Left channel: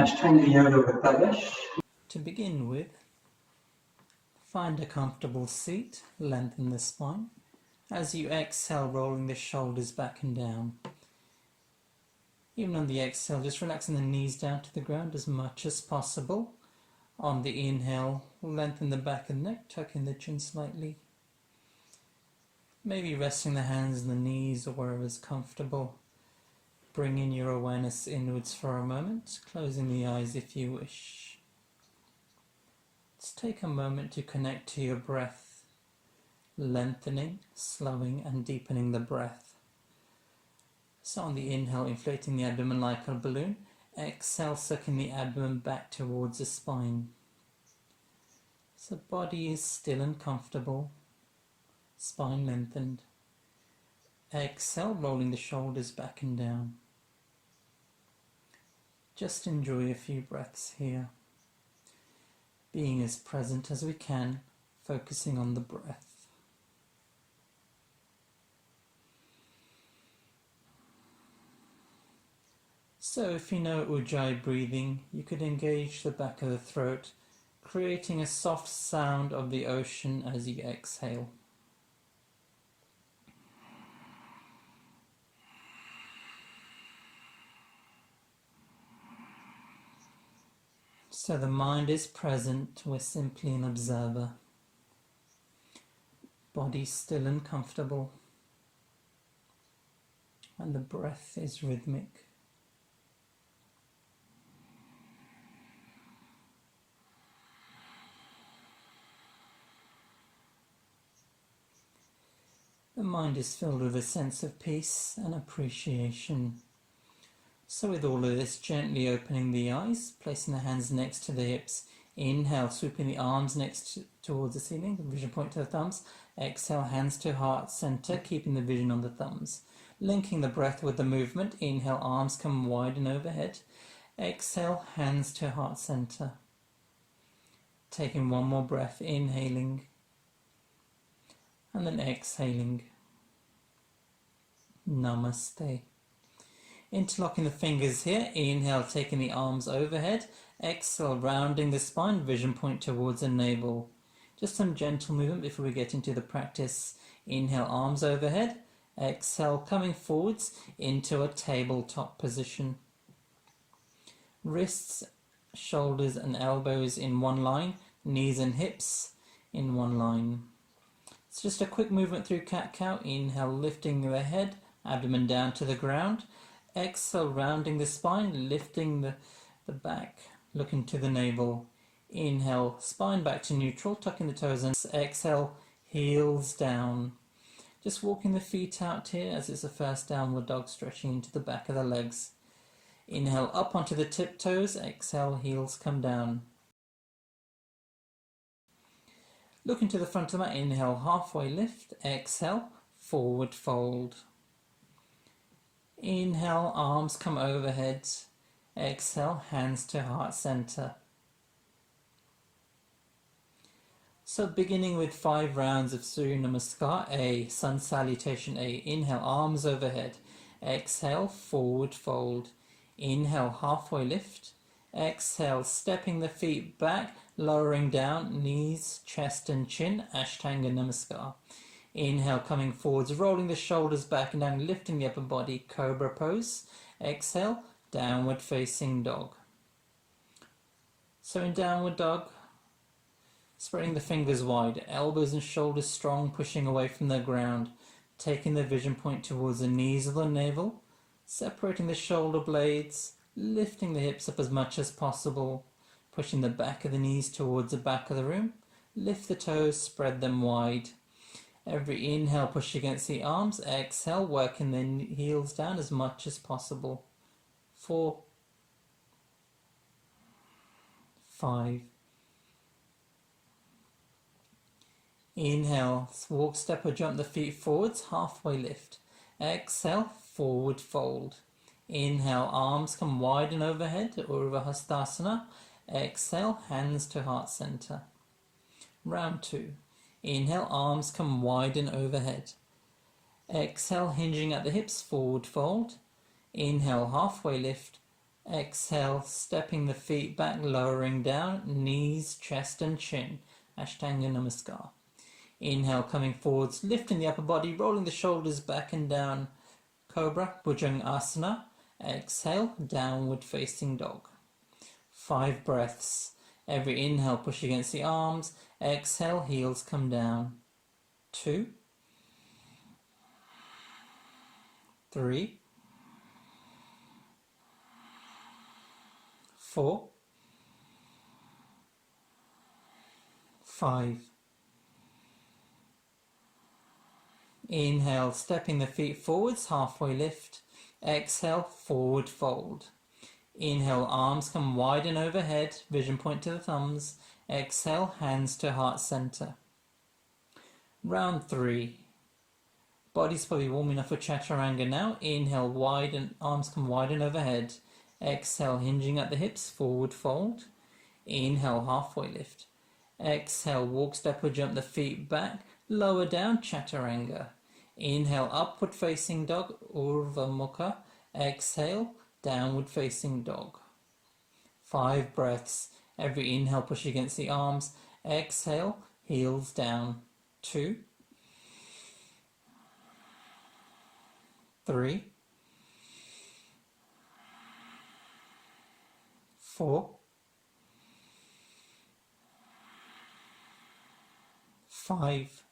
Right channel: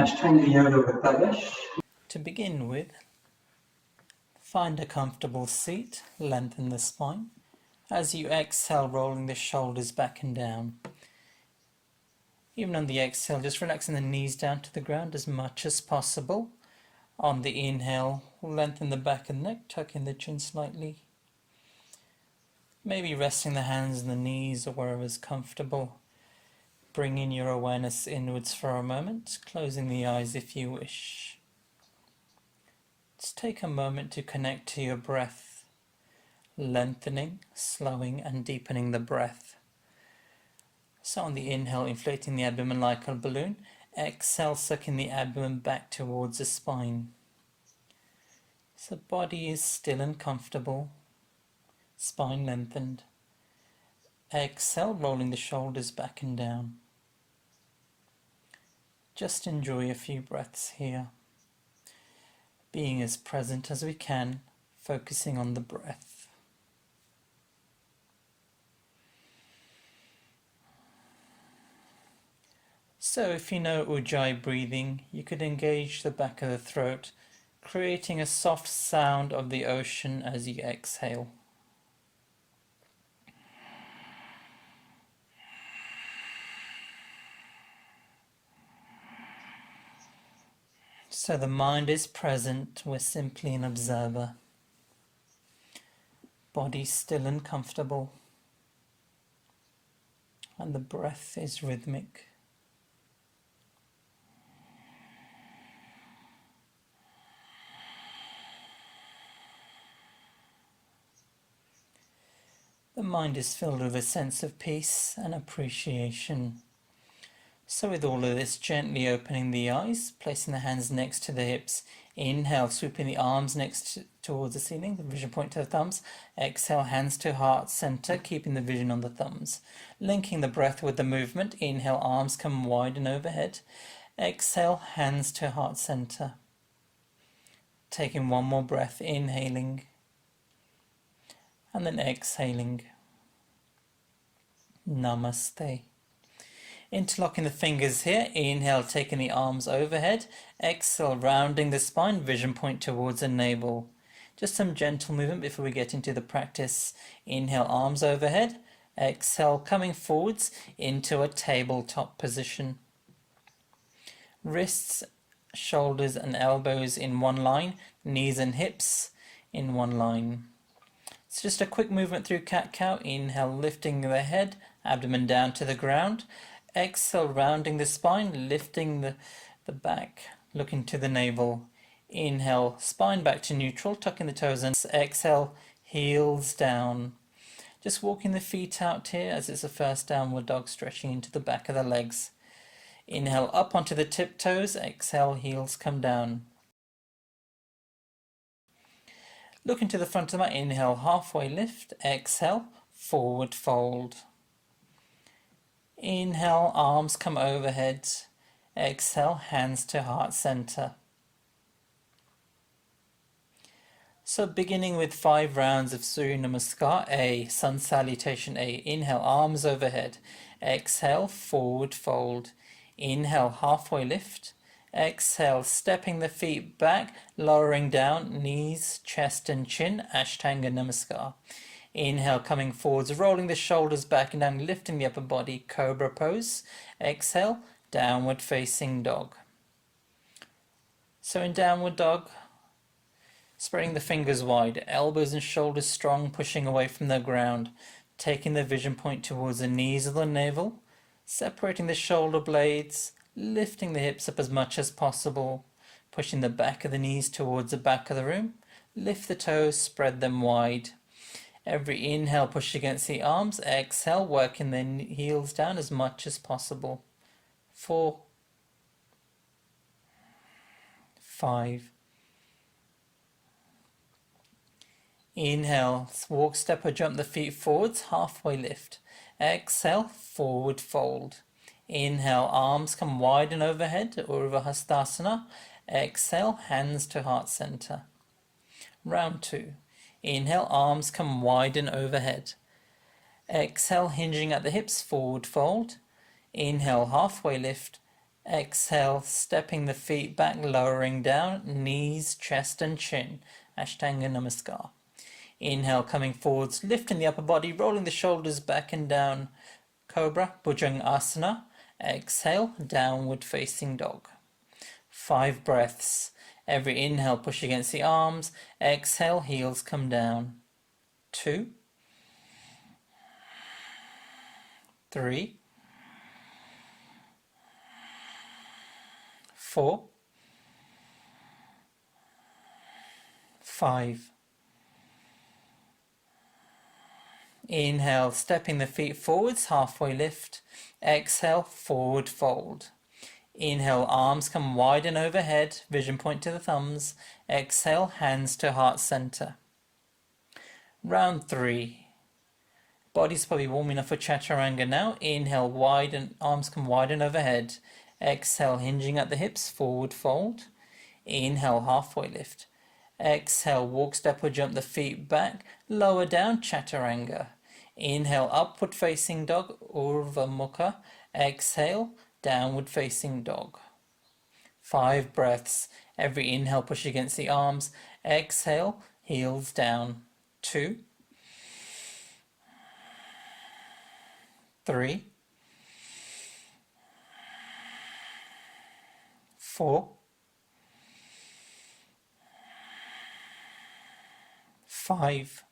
Ashtanga yoga with Bhavesh. To begin with, find a comfortable seat, lengthen the spine. As you exhale, rolling the shoulders back and down. Even on the exhale, just relaxing the knees down to the ground as much as possible. On the inhale, lengthen the back and neck, tuck in the chin slightly. Maybe resting the hands and the knees or wherever is comfortable. Bringing your awareness inwards for a moment, closing the eyes if you wish. Just take a moment to connect to your breath, lengthening, slowing and deepening the breath. So on the inhale, inflating the abdomen like a balloon. Exhale, sucking the abdomen back towards the spine. So body is still and comfortable, spine lengthened. Exhale, rolling the shoulders back and down. Just enjoy a few breaths here. Being as present as we can, focusing on the breath. So if you know Ujjayi breathing, you could engage the back of the throat, creating a soft sound of the ocean as you exhale. So the mind is present, we're simply an observer. Body still and comfortable. And the breath is rhythmic. The mind is filled with a sense of peace and appreciation. So with all of this, gently opening the eyes, placing the hands next to the hips. Inhale, swooping the arms towards the ceiling, the vision point to the thumbs. Exhale, hands to heart center, keeping the vision on the thumbs. Linking the breath with the movement. Inhale, arms come wide and overhead. Exhale, hands to heart center. Taking one more breath, inhaling. And then exhaling. Namaste. Interlocking the fingers here. Inhale, taking the arms overhead. Exhale, rounding the spine, vision point towards the navel. Just some gentle movement before we get into the practice. Inhale, arms overhead. Exhale, coming forwards into a tabletop position. Wrists, shoulders and elbows in one line. Knees and hips in one line. It's just a quick movement through cat-cow. Inhale, lifting the head, abdomen down to the ground. Exhale, rounding the spine, lifting the back, looking to the navel. Inhale, spine back to neutral, tucking the toes in. Exhale, heels down. Just walking the feet out here as it's a first downward dog, stretching into the back of the legs. Inhale, up onto the tiptoes. Exhale, heels come down. Looking to the front of the mat. Inhale, halfway lift. Exhale, forward fold. Inhale, arms come overhead. Exhale, hands to heart center. So beginning with 5 rounds of Surya Namaskar. A, sun salutation A. Inhale, arms overhead. Exhale, forward fold. Inhale, halfway lift. Exhale, stepping the feet back, lowering down, knees, chest and chin. Ashtanga Namaskar. Inhale, coming forwards, rolling the shoulders back and down, lifting the upper body, cobra pose. Exhale, downward facing dog. So in downward dog, spreading the fingers wide, elbows and shoulders strong, pushing away from the ground, taking the vision point towards the knees of the navel, separating the shoulder blades, lifting the hips up as much as possible, pushing the back of the knees towards the back of the room, lift the toes, spread them wide. Every inhale, push against the arms. Exhale, working the heels down as much as possible. 4, 5. Inhale, walk, step or jump the feet forwards, halfway lift. Exhale, forward fold. Inhale, arms come wide and overhead, Urdhva Hastasana. Exhale, hands to heart center. Round 2. Inhale, arms come wide and overhead. Exhale, hinging at the hips, forward fold. Inhale, halfway lift. Exhale, stepping the feet back, lowering down, knees, chest and chin. Ashtanga Namaskar. Inhale, coming forwards, lifting the upper body, rolling the shoulders back and down. Cobra, Bhujangasana. Exhale, downward facing dog. 5 breaths. Every inhale, push against the arms. Exhale, heels come down. 2, 3, 4, 5. Inhale, stepping the feet forwards, halfway lift. Exhale, forward fold. Inhale, arms come wide and overhead, vision point to the thumbs. Exhale, hands to heart center. Round 3. Body's probably warm enough for chaturanga now. Inhale, wide and arms come wide and overhead. Exhale, hinging at the hips, forward fold. Inhale, halfway lift. Exhale, walk, step or jump the feet back, lower down, chaturanga. Inhale, upward facing dog, Urdhva Mukha. Exhale, downward facing dog. 5 breaths. Every inhale, push against the arms. Exhale, heels down. 2, 3, 4, 5.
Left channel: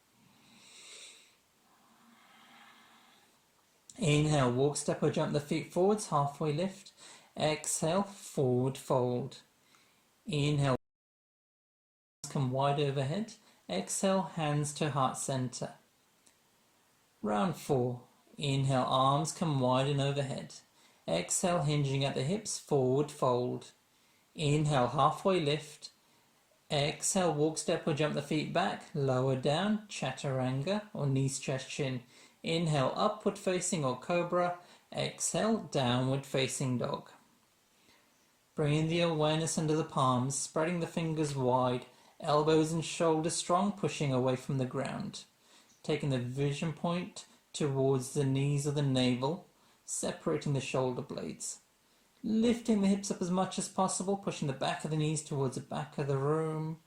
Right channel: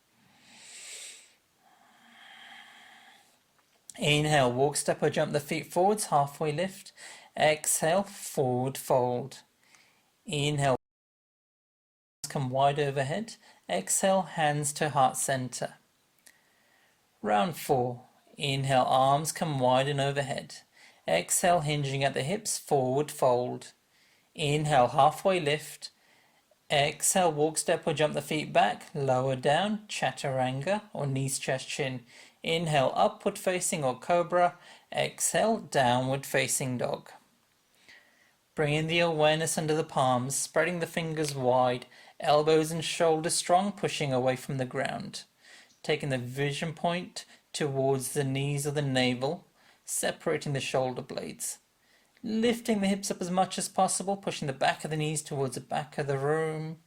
Inhale, walk, step or jump the feet forwards, halfway lift. Exhale, forward fold. Inhale, come wide overhead. Exhale, hands to heart center. Round 4. Inhale, arms come wide and overhead. Exhale, hinging at the hips, forward fold. Inhale, halfway lift. Exhale, walk, step or jump the feet back, lower down, chaturanga or knees, chest, chin. Inhale, upward facing or cobra. Exhale, downward facing dog. Bringing the awareness under the palms, spreading the fingers wide, elbows and shoulders strong, pushing away from the ground. Taking the vision point towards the knees or the navel, separating the shoulder blades. Lifting the hips up as much as possible, pushing the back of the knees towards the back of the room.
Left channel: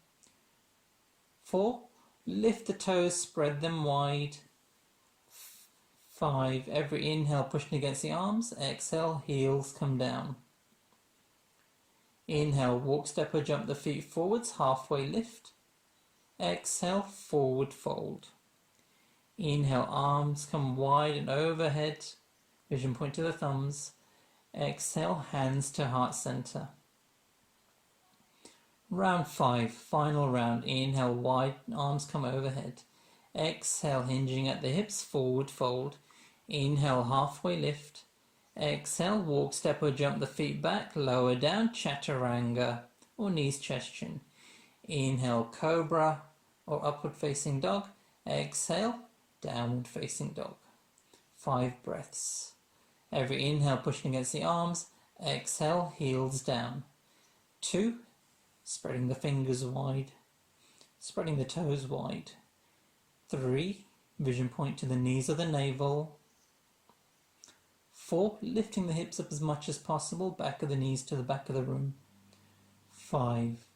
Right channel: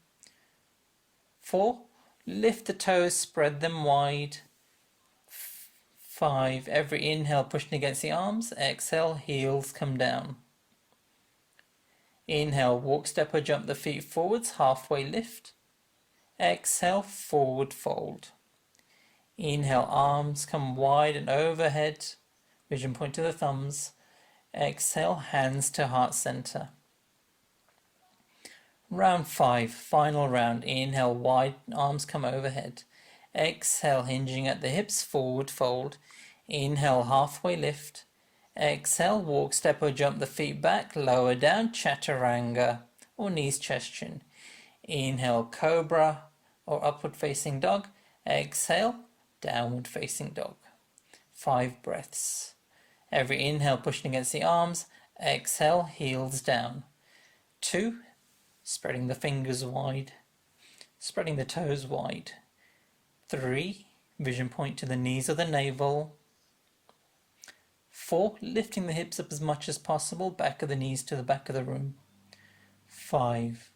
4, lift the toes, spread them wide. 5, every inhale pushing against the arms. Exhale, heels come down. Inhale, walk, step or jump the feet forwards, halfway lift. Exhale, forward fold. Inhale, arms come wide and overhead, vision point to the thumbs. Exhale, hands to heart center. Round 5, final round. Inhale, wide, arms come overhead. Exhale, hinging at the hips, forward fold. Inhale, halfway lift. Exhale, walk, step or jump the feet back, lower down, chaturanga or knees, chest, chin. Inhale, cobra or upward facing dog. Exhale, downward facing dog. 5 breaths. Every inhale, pushing against the arms. Exhale, heels down. 2, spreading the fingers wide, spreading the toes wide. 3, vision point to the knees or the navel. 4, lifting the hips up as much as possible, back of the knees to the back of the room. 5.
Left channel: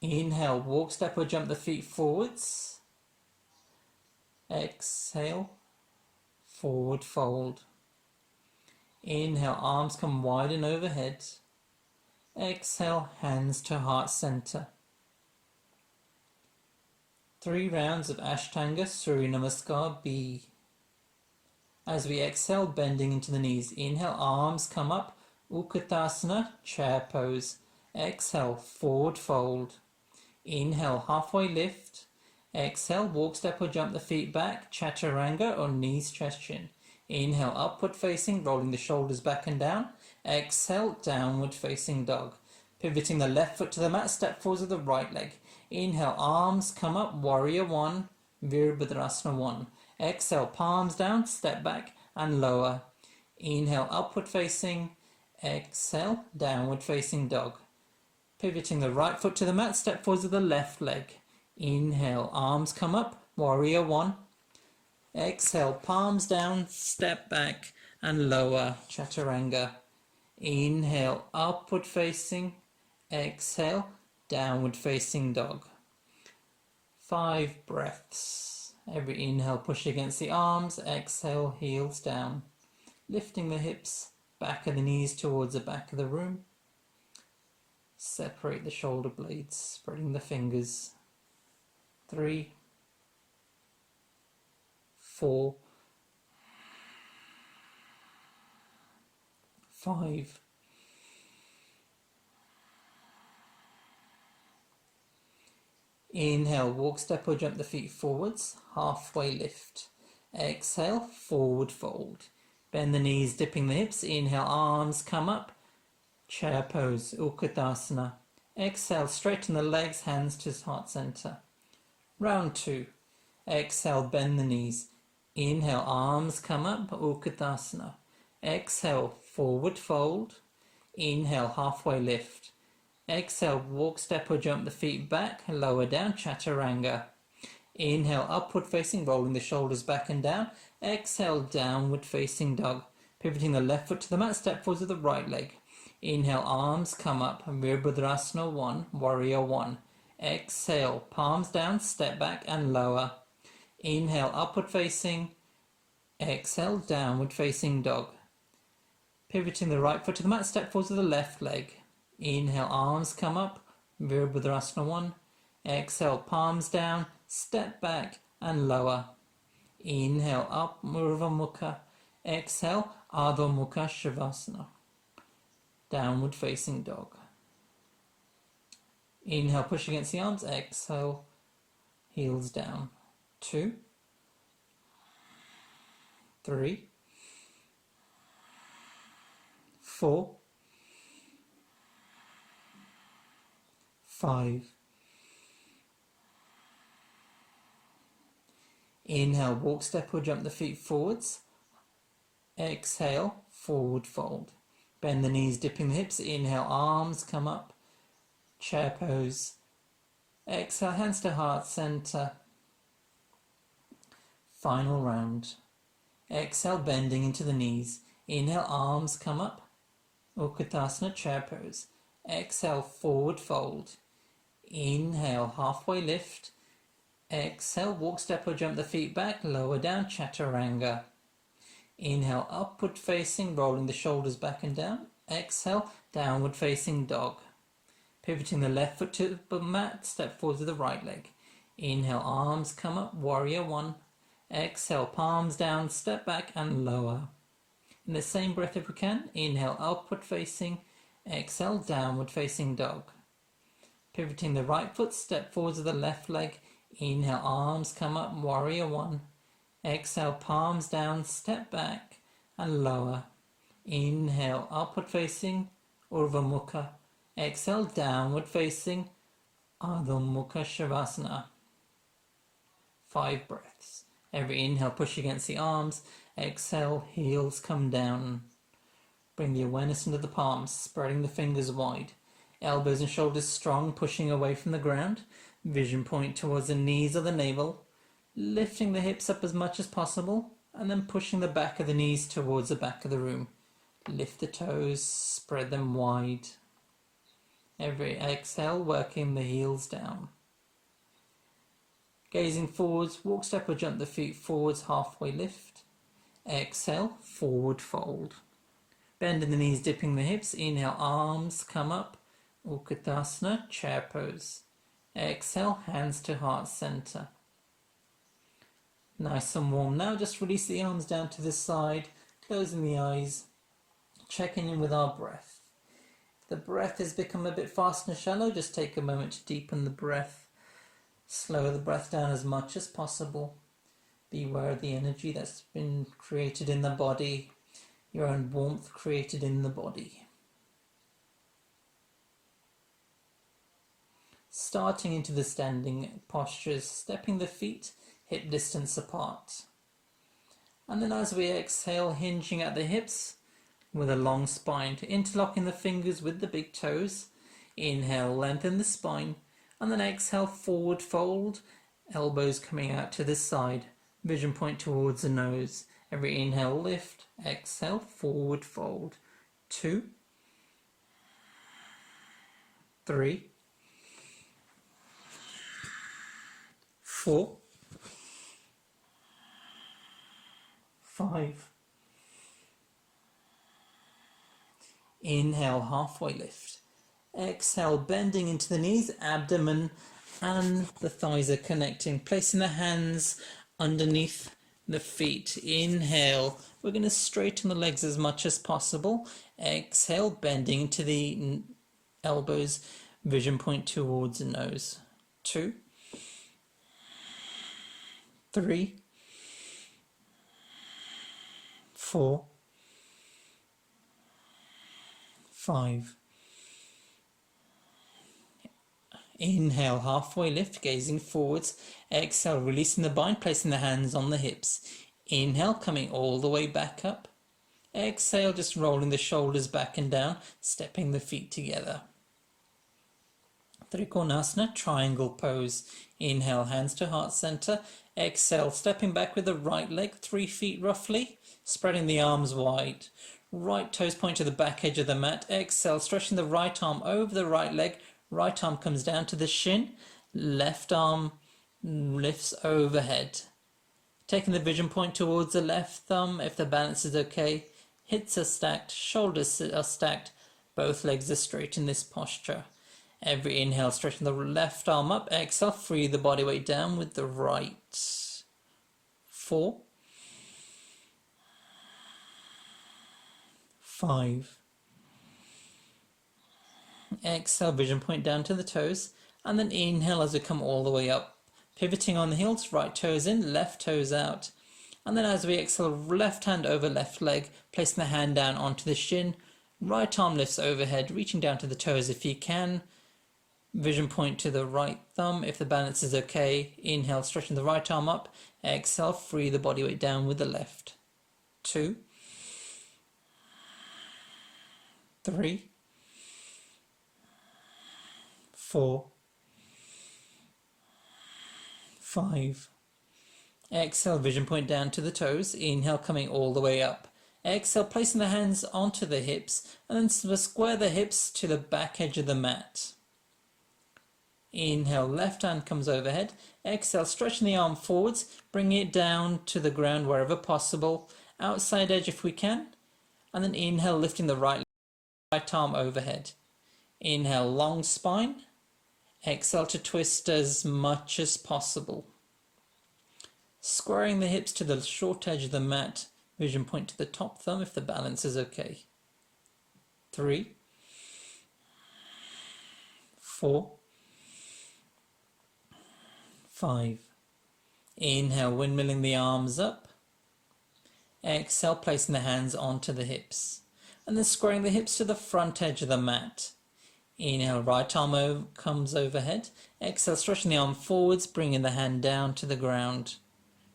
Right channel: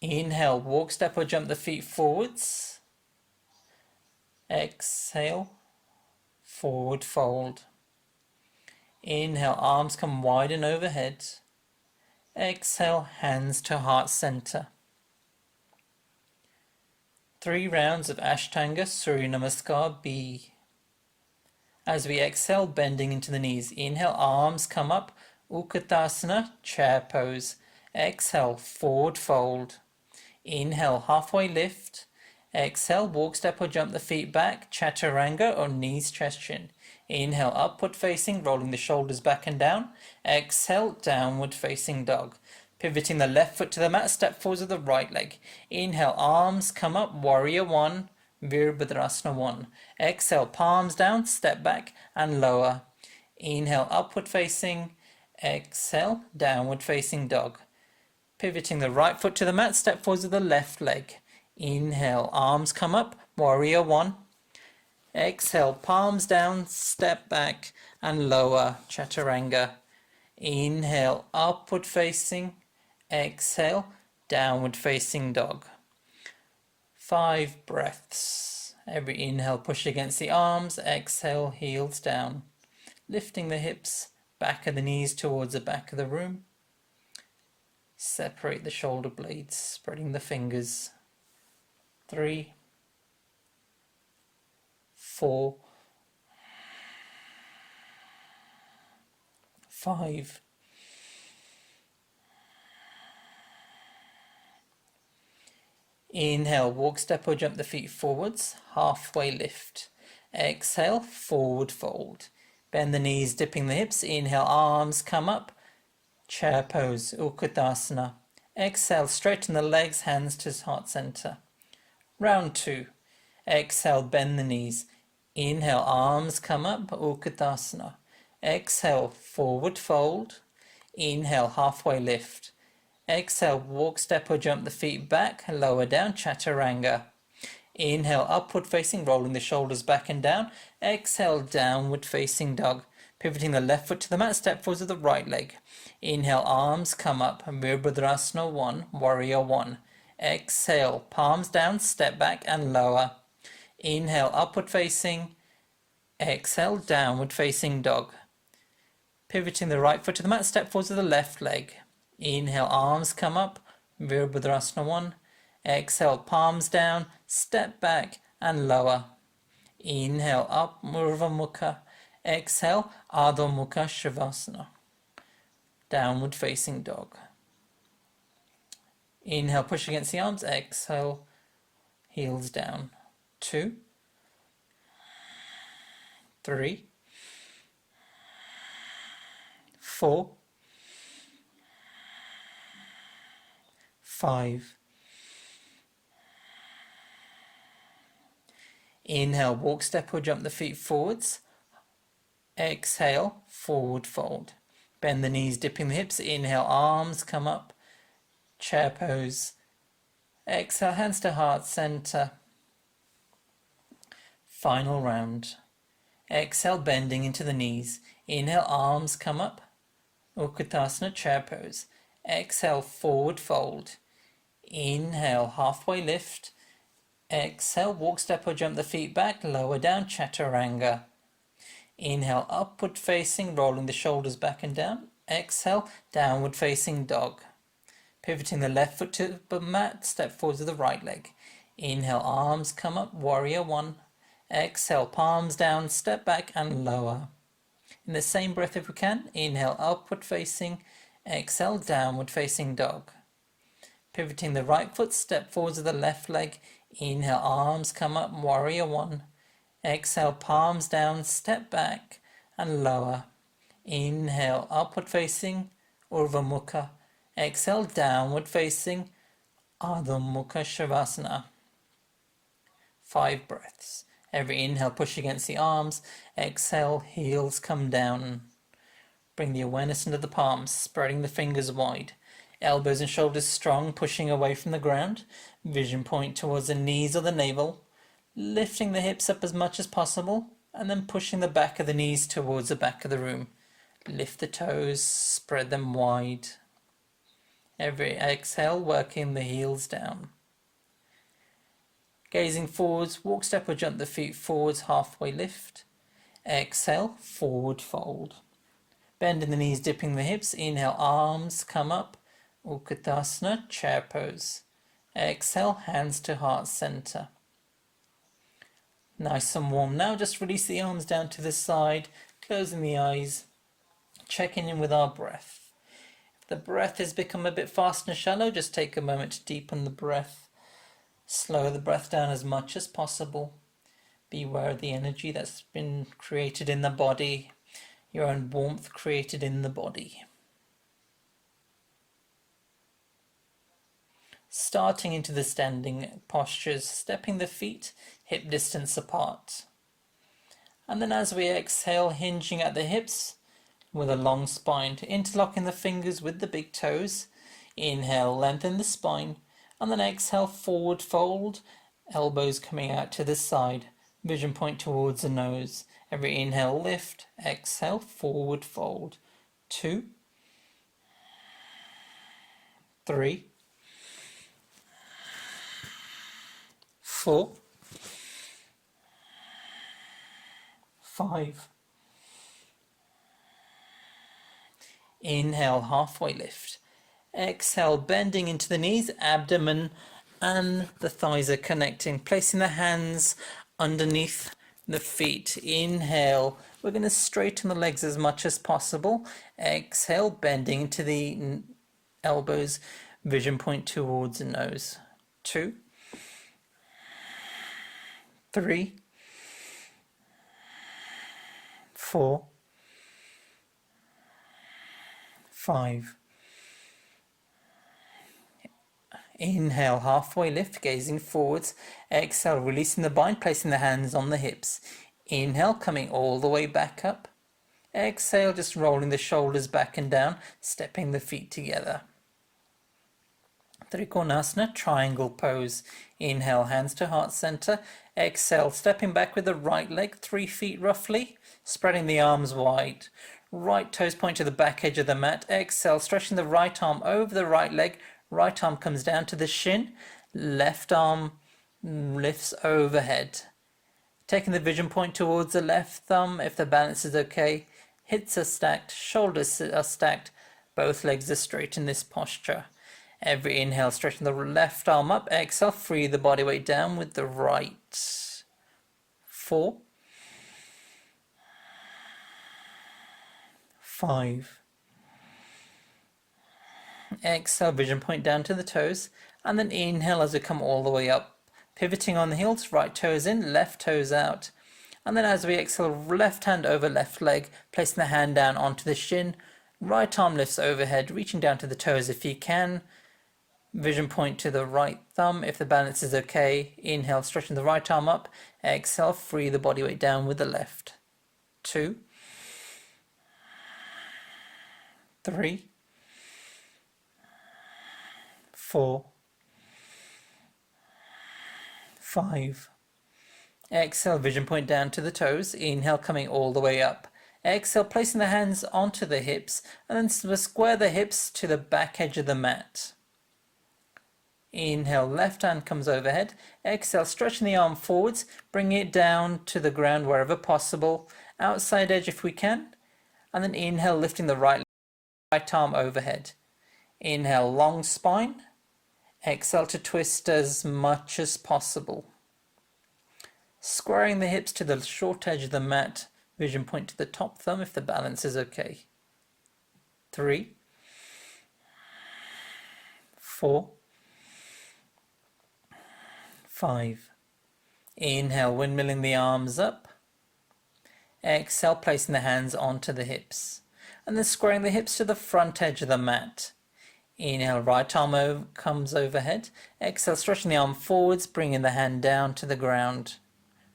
Inhale, walk, step or jump the feet forwards. Exhale, forward fold. Inhale, arms come wide and overhead. Exhale, hands to heart center. 3 rounds of Ashtanga Surya Namaskar B. As we exhale, bending into the knees. Inhale, arms come up, Utkatasana, chair pose. Exhale, forward fold. Inhale, halfway lift. Exhale, walk, step or jump the feet back, chaturanga or knees, chest, chin. Inhale, upward facing, rolling the shoulders back and down. Exhale, downward facing dog. Pivoting the left foot to the mat, step forwards with the right leg. Inhale, arms come up, warrior 1, Virabhadrasana 1. Exhale, palms down, step back and lower. Inhale, upward facing. Exhale, downward facing dog. Pivoting the right foot to the mat, step forwards with the left leg. Inhale, arms come up, warrior 1. Exhale, palms down, step back and lower, chaturanga. Inhale, upward facing. Exhale, downward facing dog. 5 breaths. Every inhale, push against the arms. Exhale, heels down. Lifting the hips, back of the knees towards the back of the room. Separate the shoulder blades, spreading the fingers. 3, 4, 5. Inhale, walk, step or jump the feet forwards, halfway lift. Exhale, forward fold. Bend the knees, dipping the hips. Inhale, arms come up. Chair pose, Utkatasana. Exhale, straighten the legs, hands to heart center. Round 2. Exhale, bend the knees. Inhale, arms come up, Utkatasana. Exhale, forward fold. Inhale, halfway lift. Exhale, walk, step or jump the feet back, lower down, chaturanga. Inhale, upward facing, rolling the shoulders back and down. Exhale, downward facing dog. Pivoting the left foot to the mat, step forwards with the right leg. Inhale, arms come up, Virabhadrasana 1, warrior 1. Exhale, palms down, step back and lower. Inhale, upward facing. Exhale, downward facing dog. Pivoting the right foot to the mat, step forwards with the left leg. Inhale, arms come up, Virabhadrasana 1. Exhale, palms down, step back and lower. Inhale, up, Urdhva Mukha. Exhale, Adho Mukha Shavasana. Downward facing dog. Inhale, push against the arms. Exhale, heels down. 2, 3, 4, 5. Inhale, walk, step or jump the feet forwards. Exhale, forward fold. Bend the knees, dipping the hips. Inhale, arms come up. Chair pose. Exhale, hands to heart center. Final round. Exhale, bending into the knees. Inhale, arms come up. Utkatasana, chair pose. Exhale, forward fold. Inhale, halfway lift. Exhale, walk, step or jump the feet back, lower down, chaturanga. Inhale, upward facing, rolling the shoulders back and down. Exhale, downward facing dog. Pivoting the left foot to the mat, step forward with the right leg. Inhale, arms come up, warrior 1. Exhale, palms down, step back and lower. In the same breath if we can, inhale, upward facing. Exhale, downward facing dog. Pivoting the right foot, step forward with the left leg. Inhale, arms come up, warrior 1. Exhale, palms down, step back and lower. Inhale, upward facing, Urdhva Mukha. Exhale, downward facing, Adho Mukha Shavasana. 5 breaths. Every inhale, push against the arms. Exhale, heels come down. Bring the awareness into the palms, spreading the fingers wide. Elbows and shoulders strong, pushing away from the ground. Vision point towards the knees or the navel. Lifting the hips up as much as possible, and then pushing the back of the knees towards the back of the room. Lift the toes, spread them wide. Every exhale, working the heels down. Gazing forwards, walk, step or jump the feet forwards, halfway lift. Exhale, forward fold. Bending the knees, dipping the hips. Inhale, arms come up. Utkatasana, chair pose. Exhale, hands to heart center. Nice and warm. Now just release the arms down to the side, closing the eyes, checking in with our breath. If the breath has become a bit fast and shallow, just take a moment to deepen the breath. Slow the breath down as much as possible. Be aware of the energy that's been created in the body, your own warmth created in the body. Starting into the standing postures, stepping the feet hip distance apart. And then as we exhale, hinging at the hips with a long spine, interlocking the fingers with the big toes. Inhale, lengthen the spine, and then exhale, forward fold, elbows coming out to the side. Vision point towards the nose. Every inhale, lift. Exhale, forward fold. 2, 3, 4, 5. Inhale, halfway lift. Exhale, bending into the knees, abdomen and the thighs are connecting. Placing the hands underneath the feet. Inhale, we're going to straighten the legs as much as possible. Exhale, bending into the elbows, vision point towards the nose. 2, 3, 4, 5. Inhale, halfway lift, gazing forwards. Exhale, releasing the bind, placing the hands on the hips. Inhale, coming all the way back up. Exhale, just rolling the shoulders back and down, stepping the feet together. Trikonasana, triangle pose. Inhale, hands to heart center. Exhale, stepping back with the right leg, 3 feet roughly, spreading the arms wide. Right toes point to the back edge of the mat. Exhale, stretching the right arm over the right leg. Right arm comes down to the shin. Left arm lifts overhead. Taking the vision point towards the left thumb if the balance is okay. Hips are stacked, shoulders are stacked. Both legs are straight in this posture. Every inhale, stretching the left arm up. Exhale, free the body weight down with the right. 4, 5. Exhale, vision point down to the toes. And then inhale as we come all the way up. Pivoting on the heels, right toes in, left toes out. And then as we exhale, left hand over left leg, placing the hand down onto the shin. Right arm lifts overhead, reaching down to the toes if you can. Vision point to the right thumb if the balance is okay. Inhale, stretching the right arm up. Exhale, free the body weight down with the left. 2, 3, 4, 5. Exhale, vision point down to the toes. Inhale, coming all the way up. Exhale, placing the hands onto the hips and then square the hips to the back edge of the mat. Inhale, left hand comes overhead. Exhale, stretching the arm forwards, bringing it down to the ground wherever possible. Outside edge if we can. And then inhale, lifting the right arm overhead. Inhale, long spine. Exhale to twist as much as possible. Squaring the hips to the short edge of the mat. Vision point to the top thumb if the balance is okay. 3, 4, 5. Inhale, windmilling the arms up. Exhale, placing the hands onto the hips. And then squaring the hips to the front edge of the mat. Inhale, right arm comes overhead. Exhale, stretching the arm forwards, bringing the hand down to the ground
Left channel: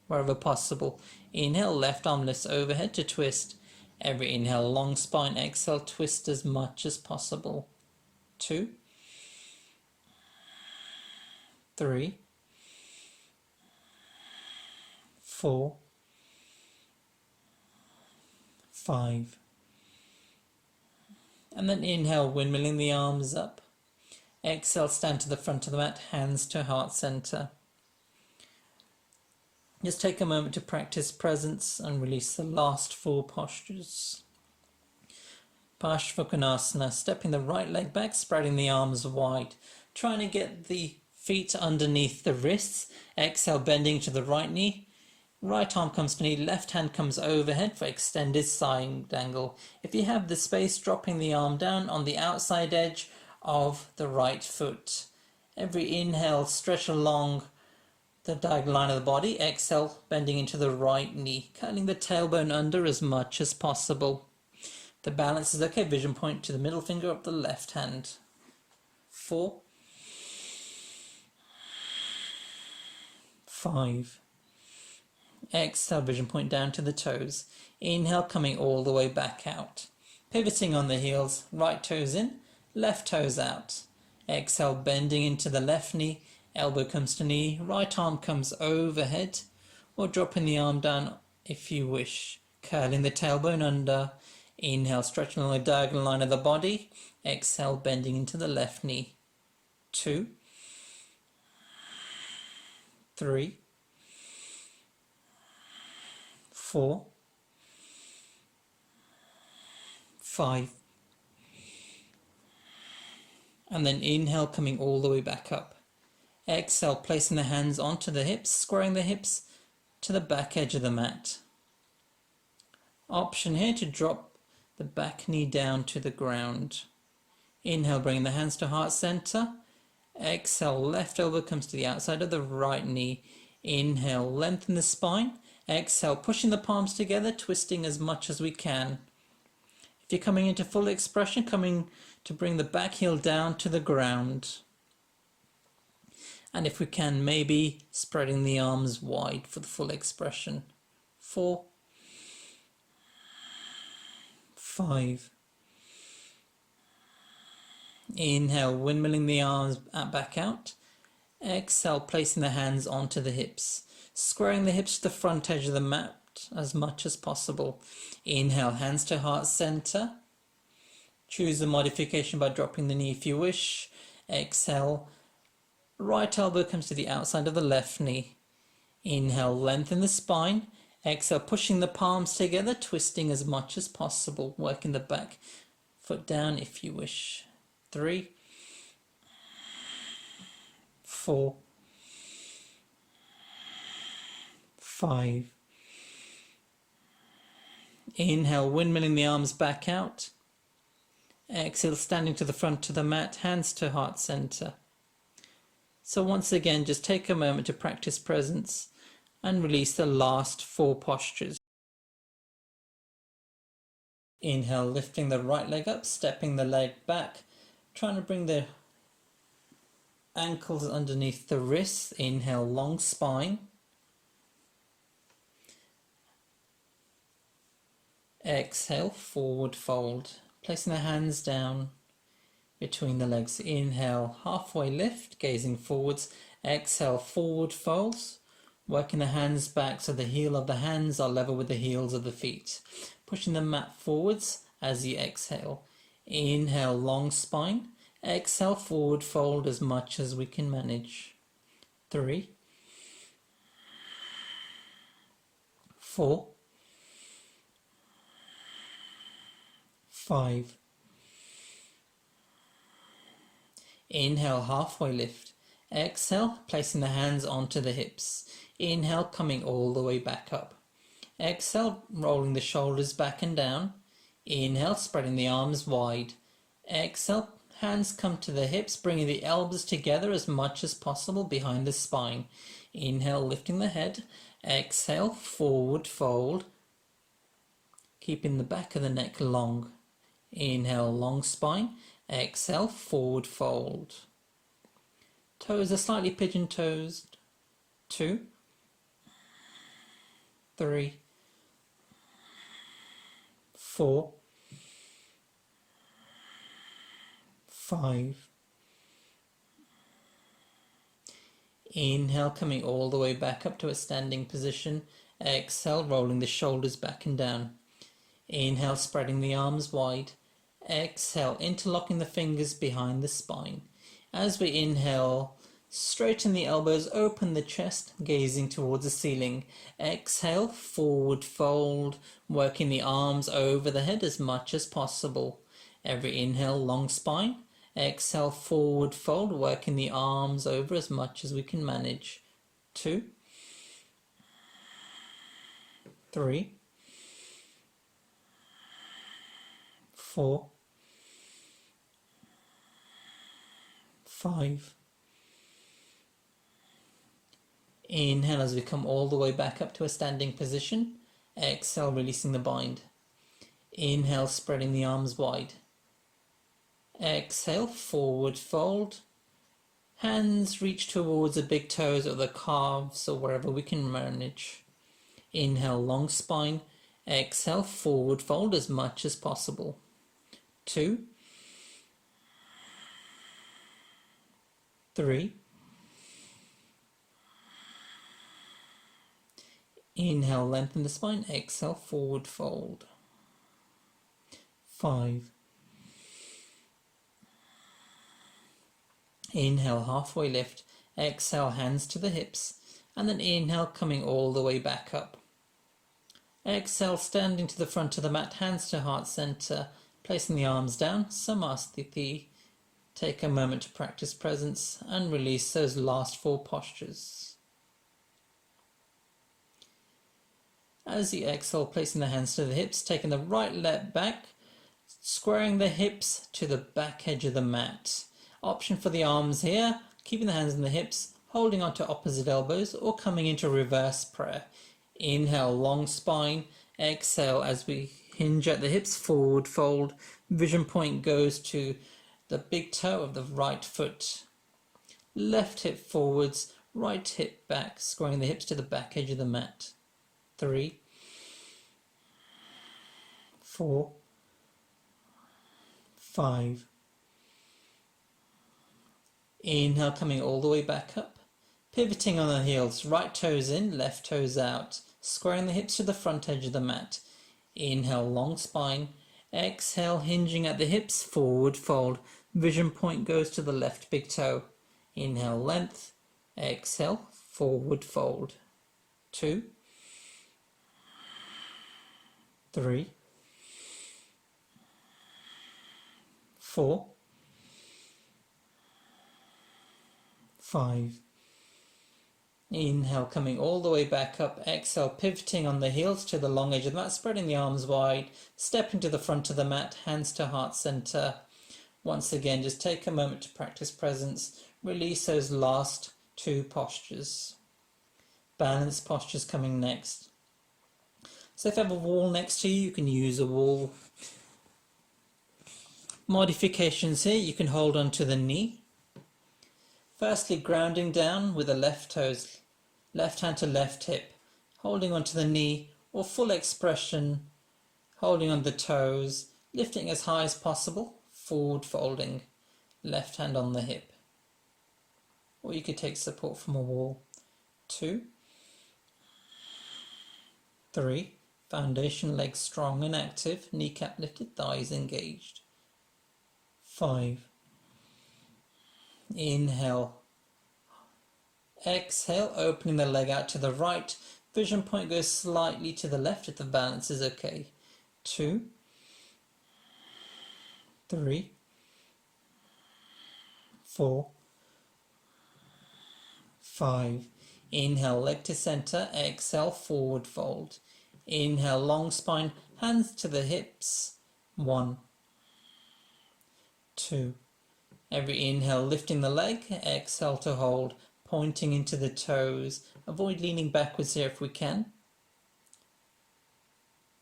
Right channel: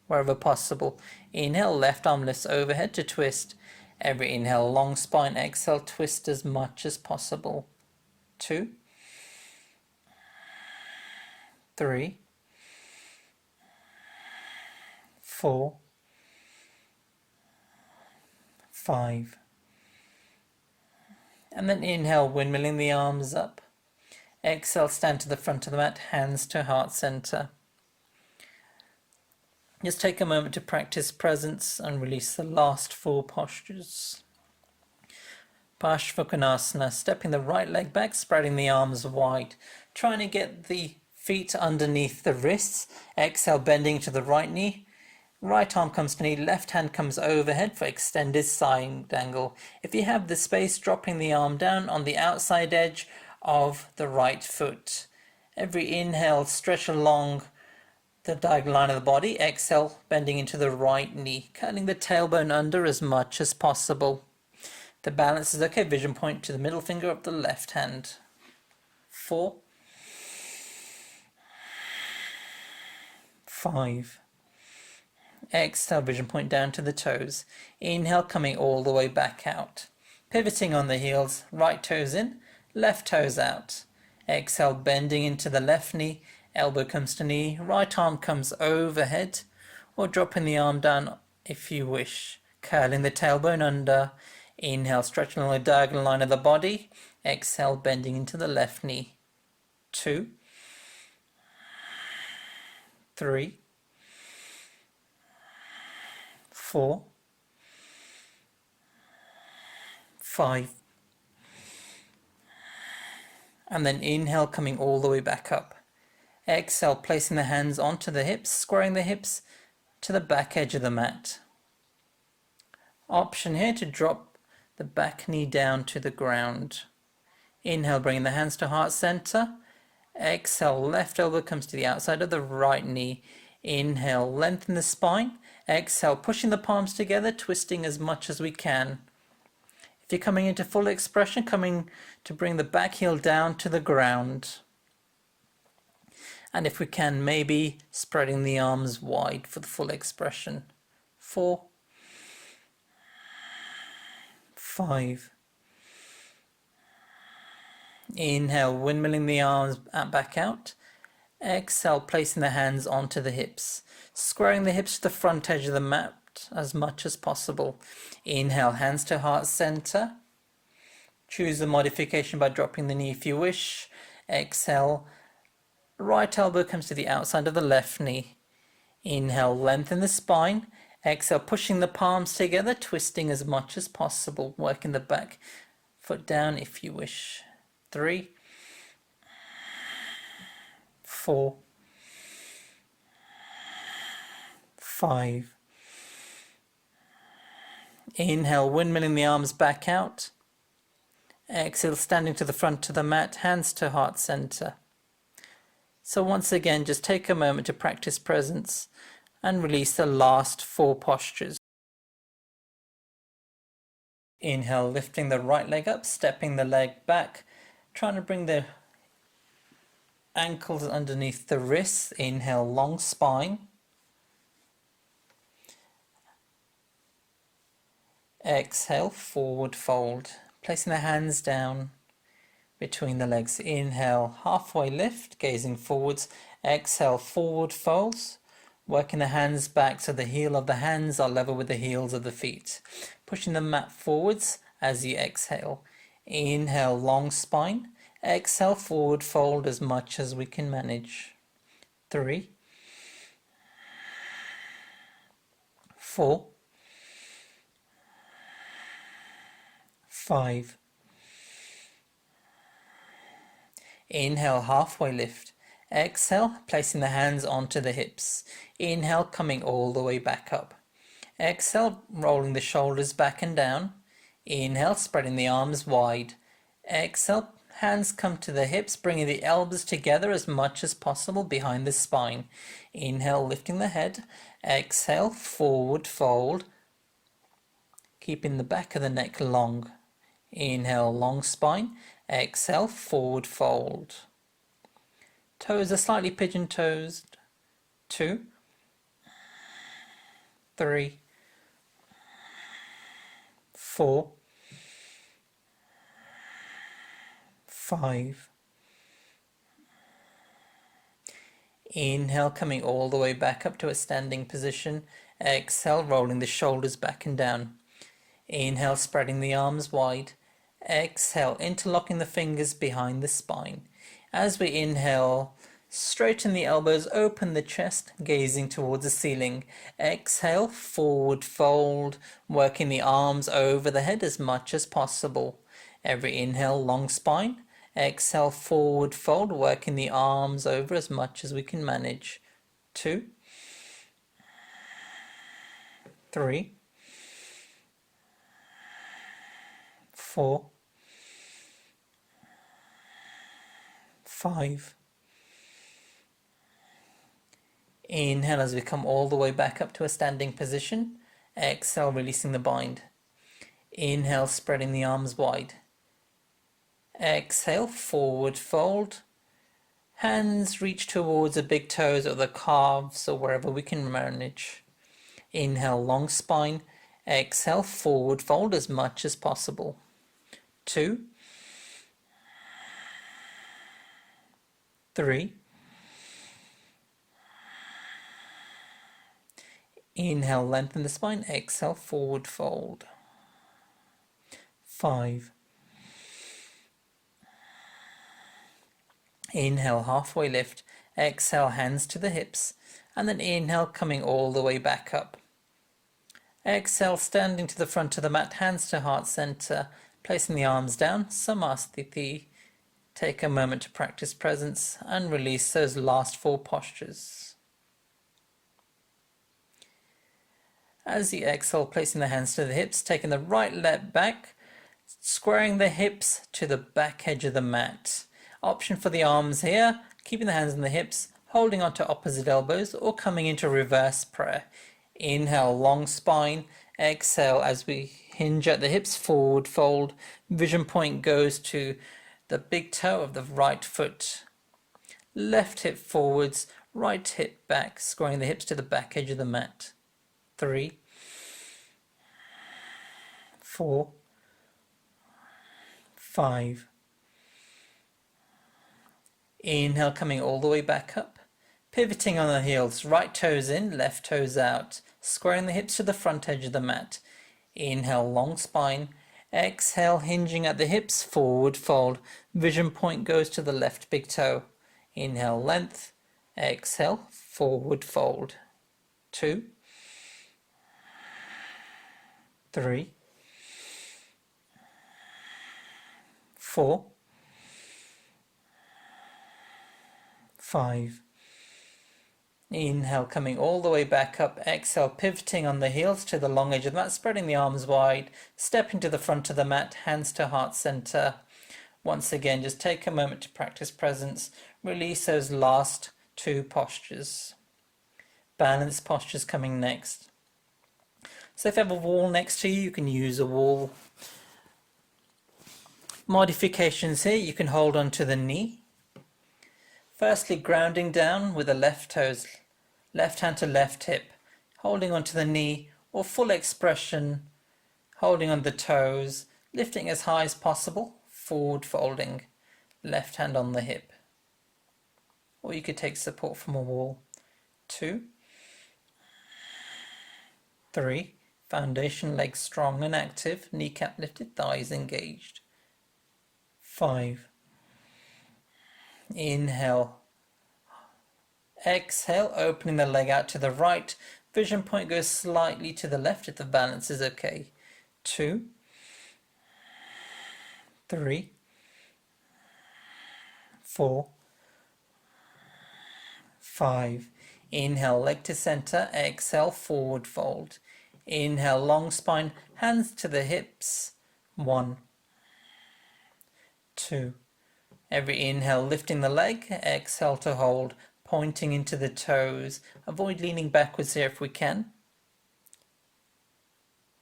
wherever possible. Inhale, left arm lifts overhead to twist. Every inhale, long spine. Exhale, twist as much as possible. 2, 3, 4, 5. And then inhale, windmilling the arms up. Exhale, stand to the front of the mat, hands to heart center. Just take a moment to practice presence and release the last 4 postures. Parshvakonasana, stepping the right leg back, spreading the arms wide. Trying to get the feet underneath the wrists. Exhale, bending to the right knee. Right arm comes to knee, left hand comes overhead for extended side angle. If you have the space, dropping the arm down on the outside edge of the right foot. Every inhale, stretch along the diagonal line of the body. Exhale, bending into the right knee, curling the tailbone under as much as possible. The balance is okay. Vision point to the middle finger of the left hand. 4, 5. Exhale, vision point down to the toes. Inhale, coming all the way back out. Pivoting on the heels, right toes in, left toes out. Exhale, bending into the left knee, elbow comes to knee, right arm comes overhead, or dropping the arm down if you wish. Curling the tailbone under. Inhale, stretching along the diagonal line of the body. Exhale, bending into the left knee. 2, 3, 4, 5. And then inhale, coming all the way back up. Exhale, placing the hands onto the hips, squaring the hips to the back edge of the mat. Option here to drop the back knee down to the ground. Inhale, bringing the hands to heart center. Exhale, left elbow comes to the outside of the right knee. Inhale, lengthen the spine. Exhale, pushing the palms together, twisting as much as we can. If you're coming into full expression, coming to bring the back heel down to the ground. And if we can, maybe spreading the arms wide for the full expression. 4, 5. Inhale, windmilling the arms back out. Exhale, placing the hands onto the hips, squaring the hips to the front edge of the mat as much as possible. Inhale, hands to heart center. Choose a modification by dropping the knee if you wish. Exhale, right elbow comes to the outside of the left knee. Inhale, lengthen the spine. Exhale, pushing the palms together, twisting as much as possible, working the back foot down if you wish. 3, 4, 5. Inhale, windmilling the arms back out. Exhale, standing to the front of the mat, hands to heart center. So once again, just take a moment to practice presence and release the last 4 postures. Inhale, lifting the right leg up, stepping the leg back, trying to bring the ankles underneath the wrists. Inhale, long spine. Exhale, forward fold. Placing the hands down between the legs. Inhale, halfway lift, gazing forwards. Exhale, forward folds. Working the hands back so the heel of the hands are level with the heels of the feet. Pushing the mat forwards as you exhale. Inhale, long spine. Exhale, forward fold as much as we can manage. 3, 4, 5. Inhale, halfway lift. Exhale, placing the hands onto the hips. Inhale, coming all the way back up. Exhale, rolling the shoulders back and down. Inhale, spreading the arms wide. Exhale, hands come to the hips, bringing the elbows together as much as possible behind the spine. Inhale, lifting the head. Exhale, forward fold, keeping the back of the neck long. Inhale, long spine. Exhale, forward fold. Toes are slightly pigeon-toed. 2, 3, 4, 5. Inhale, coming all the way back up to a standing position. Exhale, rolling the shoulders back and down. Inhale, spreading the arms wide. Exhale, interlocking the fingers behind the spine. As we inhale, straighten the elbows, open the chest, gazing towards the ceiling. Exhale, forward fold, working the arms over the head as much as possible. Every inhale, long spine. Exhale, forward fold, working the arms over as much as we can manage. 2, 3, 4, 5. Inhale as we come all the way back up to a standing position. Exhale, releasing the bind. Inhale, spreading the arms wide. Exhale, forward fold. Hands reach towards the big toes or the calves or wherever we can manage. Inhale, long spine. Exhale, forward fold as much as possible. 2, 3. Inhale, lengthen the spine. Exhale, forward fold. 5. Inhale, halfway lift. Exhale, hands to the hips. And then inhale, coming all the way back up. Exhale, standing to the front of the mat, hands to heart center, placing the arms down, Samasthiti. Take a moment to practice presence and release those last 4 postures. As you exhale, placing the hands to the hips, taking the right leg back, squaring the hips to the back edge of the mat. Option for the arms here, keeping the hands on the hips, holding onto opposite elbows, or coming into reverse prayer. Inhale, long spine. Exhale, as we hinge at the hips, forward fold. Vision point goes to the big toe of the right foot. Left hip forwards, right hip back, squaring the hips to the back edge of the mat. 3, 4, 5. Inhale, coming all the way back up. Pivoting on the heels, right toes in, left toes out. Squaring the hips to the front edge of the mat. Inhale, long spine. Exhale, hinging at the hips, forward fold. Vision point goes to the left big toe. Inhale, length. Exhale, forward fold. 2, 3, 4, 5. Inhale, coming all the way back up. Exhale, pivoting on the heels to the long edge of the mat, spreading the arms wide, stepping to the front of the mat, hands to heart center. Once again, just take a moment to practice presence. Release those last 2 postures. Balance postures coming next. So if you have a wall next to you, you can use a wall. Modifications here, you can hold onto the knee. Firstly, grounding down with the left toes, left hand to left hip, holding onto the knee, or full expression, holding on the toes, lifting as high as possible, forward folding, left hand on the hip. Or you could take support from a wall. 2, 3, foundation legs strong and active, kneecap lifted, thighs engaged. 5. Inhale. Exhale, opening the leg out to the right. Vision point goes slightly to the left if the balance is okay. 2, 3, 4, 5. Inhale, leg to center. Exhale, forward fold. Inhale, long spine, hands to the hips. 1, 2. Every inhale, lifting the leg. Exhale to hold, pointing into the toes. Avoid leaning backwards here if we can.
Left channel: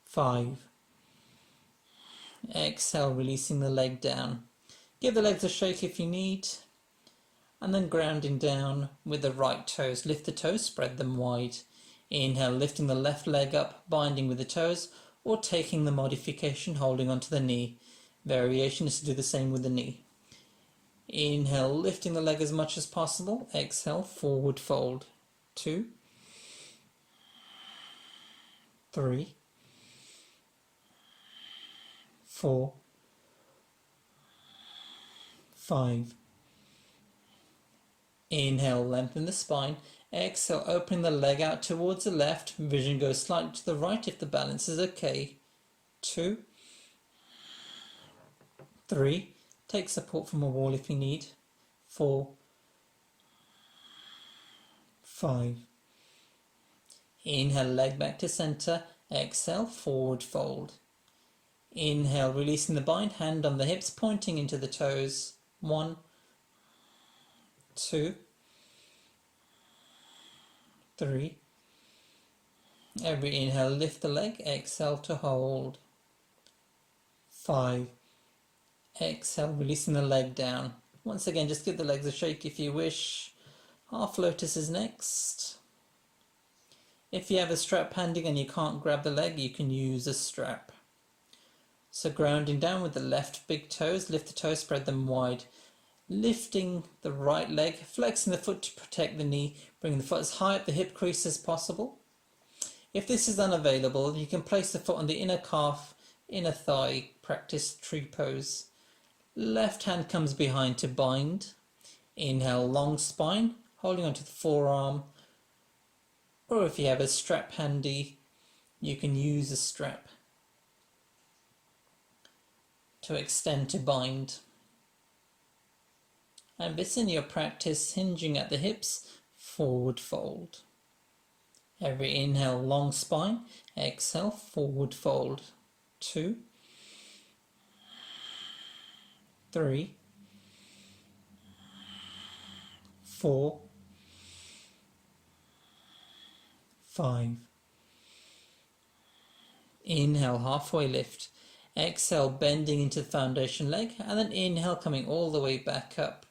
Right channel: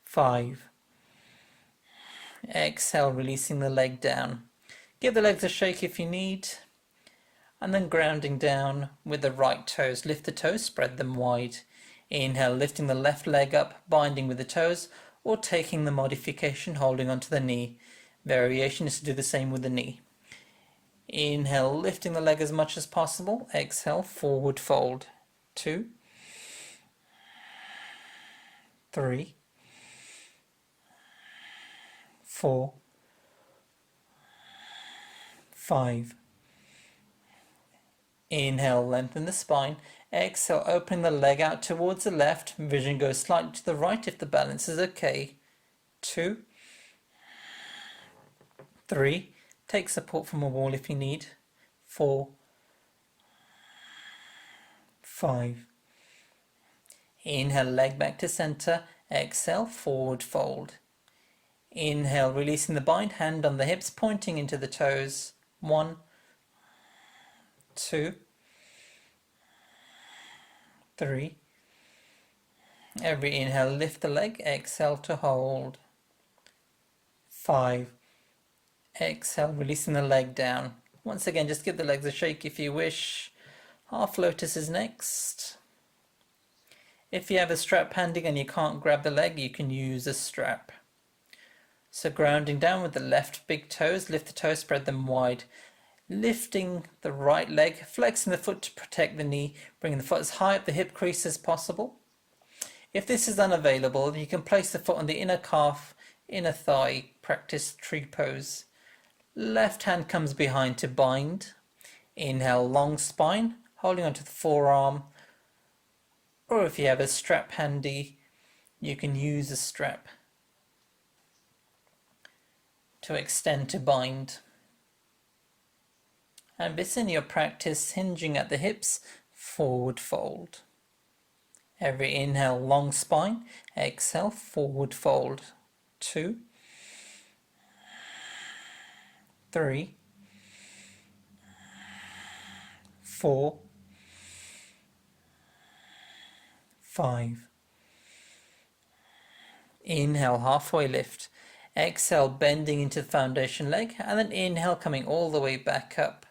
5. Exhale, releasing the leg down. Give the legs a shake if you need. And then grounding down with the right toes. Lift the toes, spread them wide. Inhale, lifting the left leg up, binding with the toes, or taking the modification, holding onto the knee. Variation is to do the same with the knee. Inhale, lifting the leg as much as possible. Exhale, forward fold. 2, 3, 4, 5. Inhale, lengthen the spine. Exhale, opening the leg out towards the left. Vision goes slightly to the right if the balance is okay. 2, 3. Take support from a wall if you need. 4, 5. Inhale, leg back to center. Exhale, forward fold. Inhale, releasing the bind, hand on the hips, pointing into the toes. 1, 2, 3. Every inhale, lift the leg. Exhale to hold. 5. Exhale, releasing the leg down. Once again, just give the legs a shake if you wish. Half lotus is next. If you have a strap handy and you can't grab the leg, you can use a strap. So grounding down with the left big toes, lift the toes, spread them wide. Lifting the right leg, flexing the foot to protect the knee, bringing the foot as high up the hip crease as possible. If this is unavailable, you can place the foot on the inner calf, inner thigh, practice tree pose. Left hand comes behind to bind. Inhale, long spine, holding onto the forearm. Or if you have a strap handy, you can use a strap to extend to bind. And this in your practice, hinging at the hips, forward fold. Every inhale, long spine. Exhale, forward fold. 2, 3, 4, 5. Inhale, halfway lift. Exhale, bending into the foundation leg, and then inhale, coming all the way back up.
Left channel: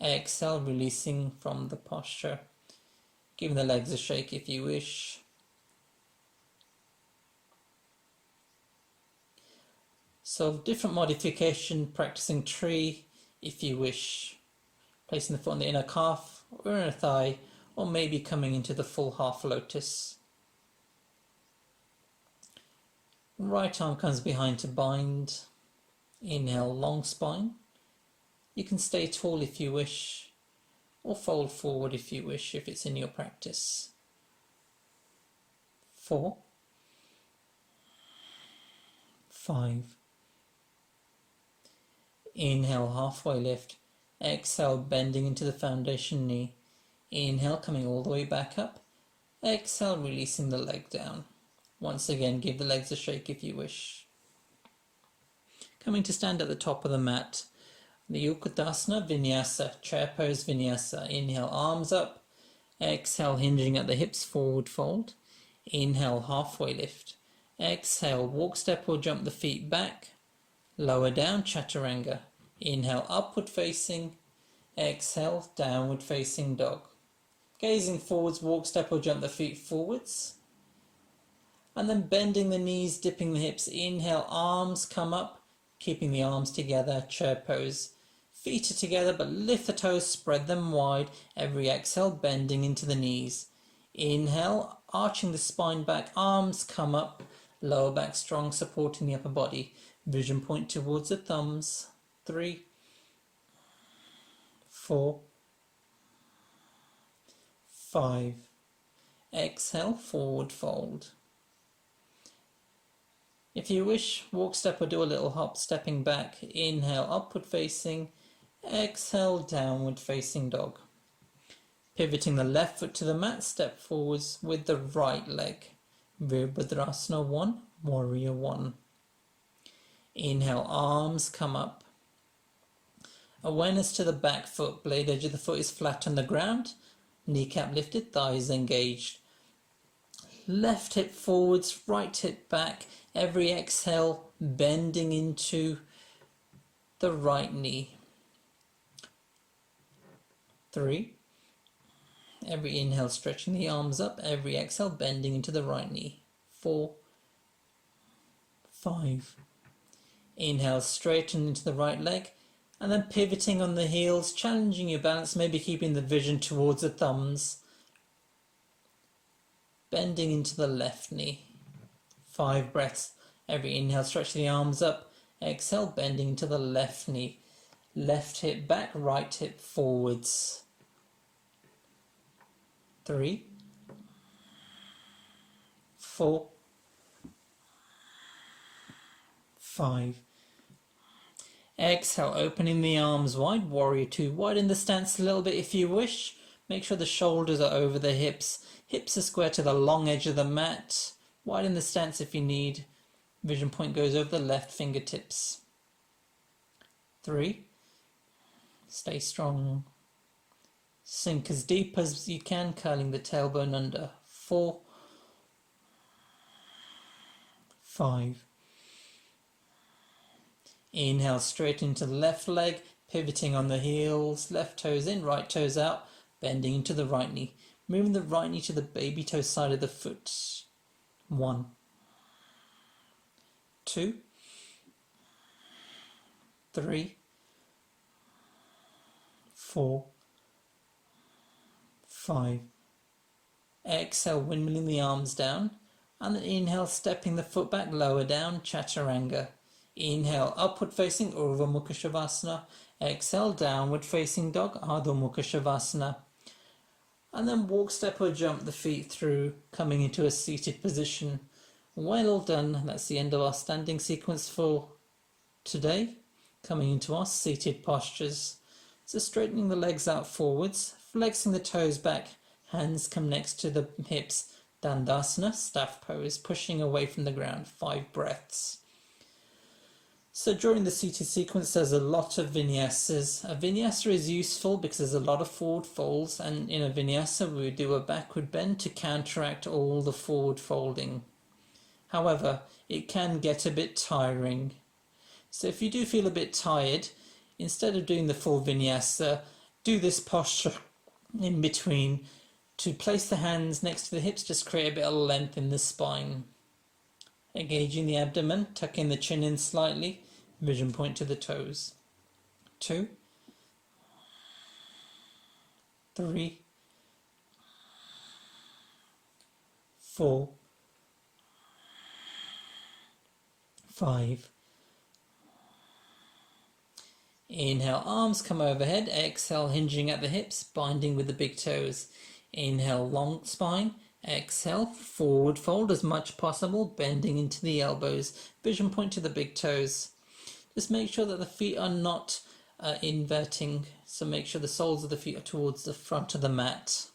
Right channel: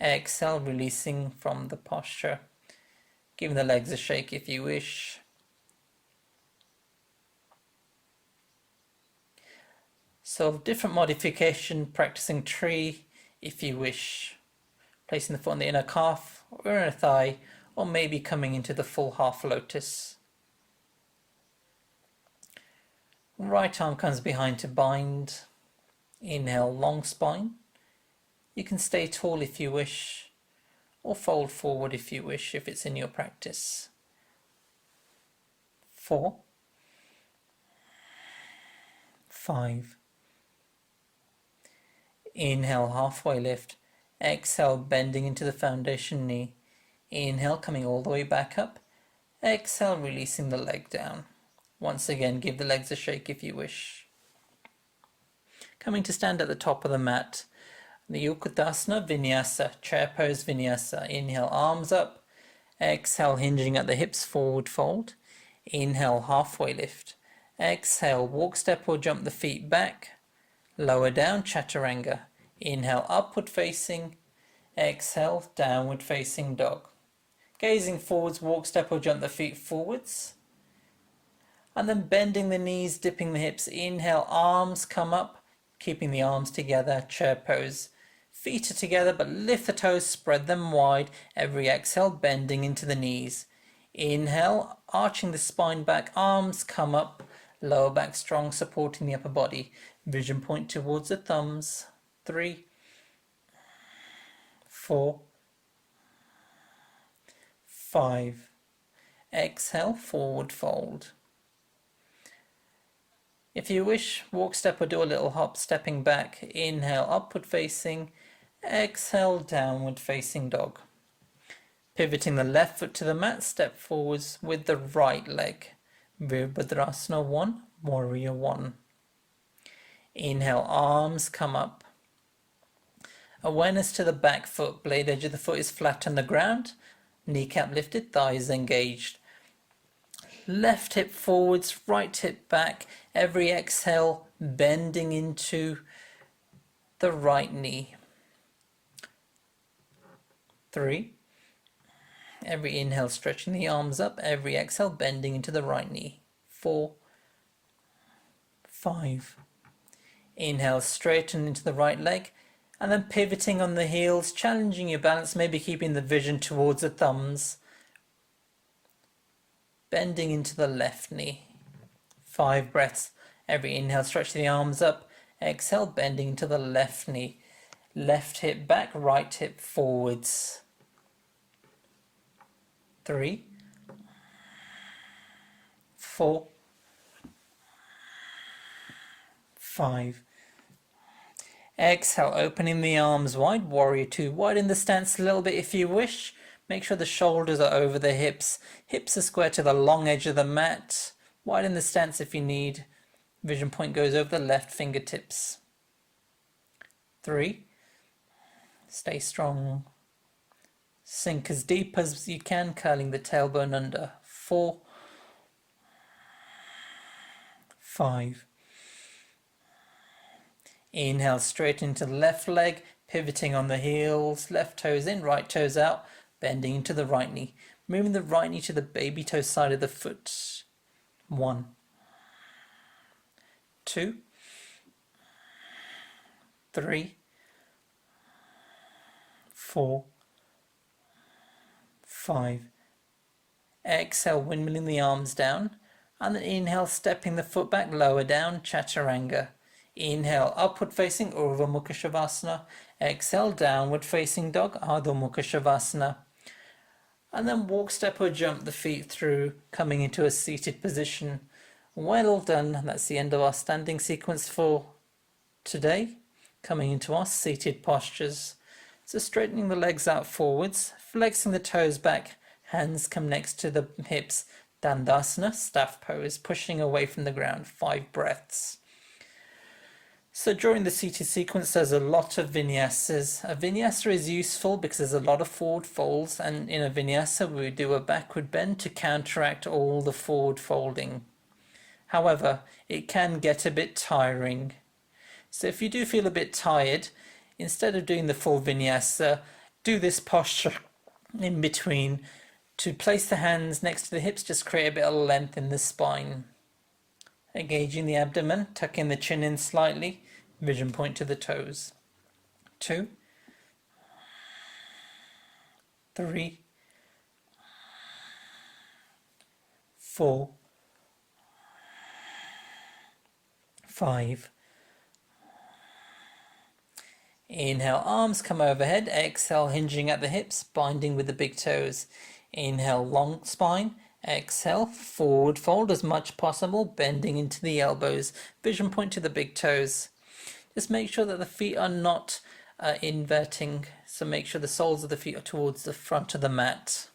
Exhale, releasing from the posture. Giving the legs a shake if you wish. So different modification, practicing tree if you wish. Placing the foot on the inner calf or inner thigh, or maybe coming into the full half lotus. Right arm comes behind to bind. Inhale, long spine. You can stay tall if you wish, or fold forward if you wish, if it's in your practice. 4, 5. Inhale, halfway lift. Exhale, bending into the foundation knee. Inhale, coming all the way back up. Exhale, releasing the leg down. Once again, give the legs a shake if you wish. Coming to stand at the top of the mat. The Utkatasana Vinyasa, chair pose Vinyasa. Inhale, arms up. Exhale, hinging at the hips, forward fold. Inhale, halfway lift. Exhale, walk, step or jump the feet back. Lower down, Chaturanga. Inhale, upward facing. Exhale, downward facing dog. Gazing forwards, walk, step or jump the feet forwards. And then bending the knees, dipping the hips. Inhale, arms come up, keeping the arms together, chair pose. Feet are together, but lift the toes, spread them wide. Every exhale, bending into the knees. Inhale, arching the spine back, arms come up, lower back strong, supporting the upper body. Vision point towards the thumbs. 3, 4, 5. Exhale, forward fold. If you wish, walk, step or do a little hop, stepping back. Inhale, upward facing. Exhale, downward facing dog. Pivoting the left foot to the mat, step forwards with the right leg. Virabhadrasana 1, Warrior 1. Inhale, arms come up. Awareness to the back foot, blade edge of the foot is flat on the ground. Kneecap lifted, thighs engaged. Left hip forwards, right hip back. Every exhale, bending into the right knee. 3. Every inhale, stretching the arms up. Every exhale, bending into the right knee. 4, 5. Inhale, straighten into the right leg. And then pivoting on the heels, challenging your balance, maybe keeping the vision towards the thumbs. Bending into the left knee. 5 breaths. Every inhale, stretch the arms up. Exhale, bending into the left knee. Left hip back, right hip forwards. 3, 4, 5. Exhale, opening the arms wide, Warrior 2. Widen the stance a little bit if you wish. Make sure the shoulders are over the hips. Hips are square to the long edge of the mat. Widen the stance if you need. Vision point goes over the left fingertips. 3. Stay strong. Sink as deep as you can, curling the tailbone under. 4, 5. Inhale, straight into the left leg, pivoting on the heels, left toes in, right toes out, bending into the right knee. Moving the right knee to the baby toe side of the foot. 1, 2, 3, 4, 5. Exhale, windmilling the arms down. And then inhale, stepping the foot back, lower down, Chaturanga. Inhale, upward facing Urdhva Mukha Shavasana. Exhale, downward facing dog, Adho Mukha Shavasana. And then walk, step or jump the feet through, coming into a seated position. Well done. That's the end of our standing sequence for today. Coming into our seated postures. So straightening the legs out forwards, flexing the toes back, hands come next to the hips. Dandasana, staff pose, pushing away from the ground, 5 breaths. So during the seated sequence, there's a lot of vinyasas. A vinyasa is useful because there's a lot of forward folds, and in a vinyasa we do a backward bend to counteract all the forward folding. However, it can get a bit tiring. So if you do feel a bit tired, instead of doing the full vinyasa, do this posture in between to place the hands next to the hips, just create a bit of length in the spine. Engaging the abdomen, tucking the chin in slightly, vision point to the toes. 2, 3, 4, 5. Inhale, arms come overhead. Exhale, hinging at the hips, binding with the big toes. Inhale, long spine. Exhale, forward fold as much possible, bending into the elbows. Vision point to the big toes. Just make sure that the feet are not inverting. So make sure the soles of the feet are towards the front of the mat.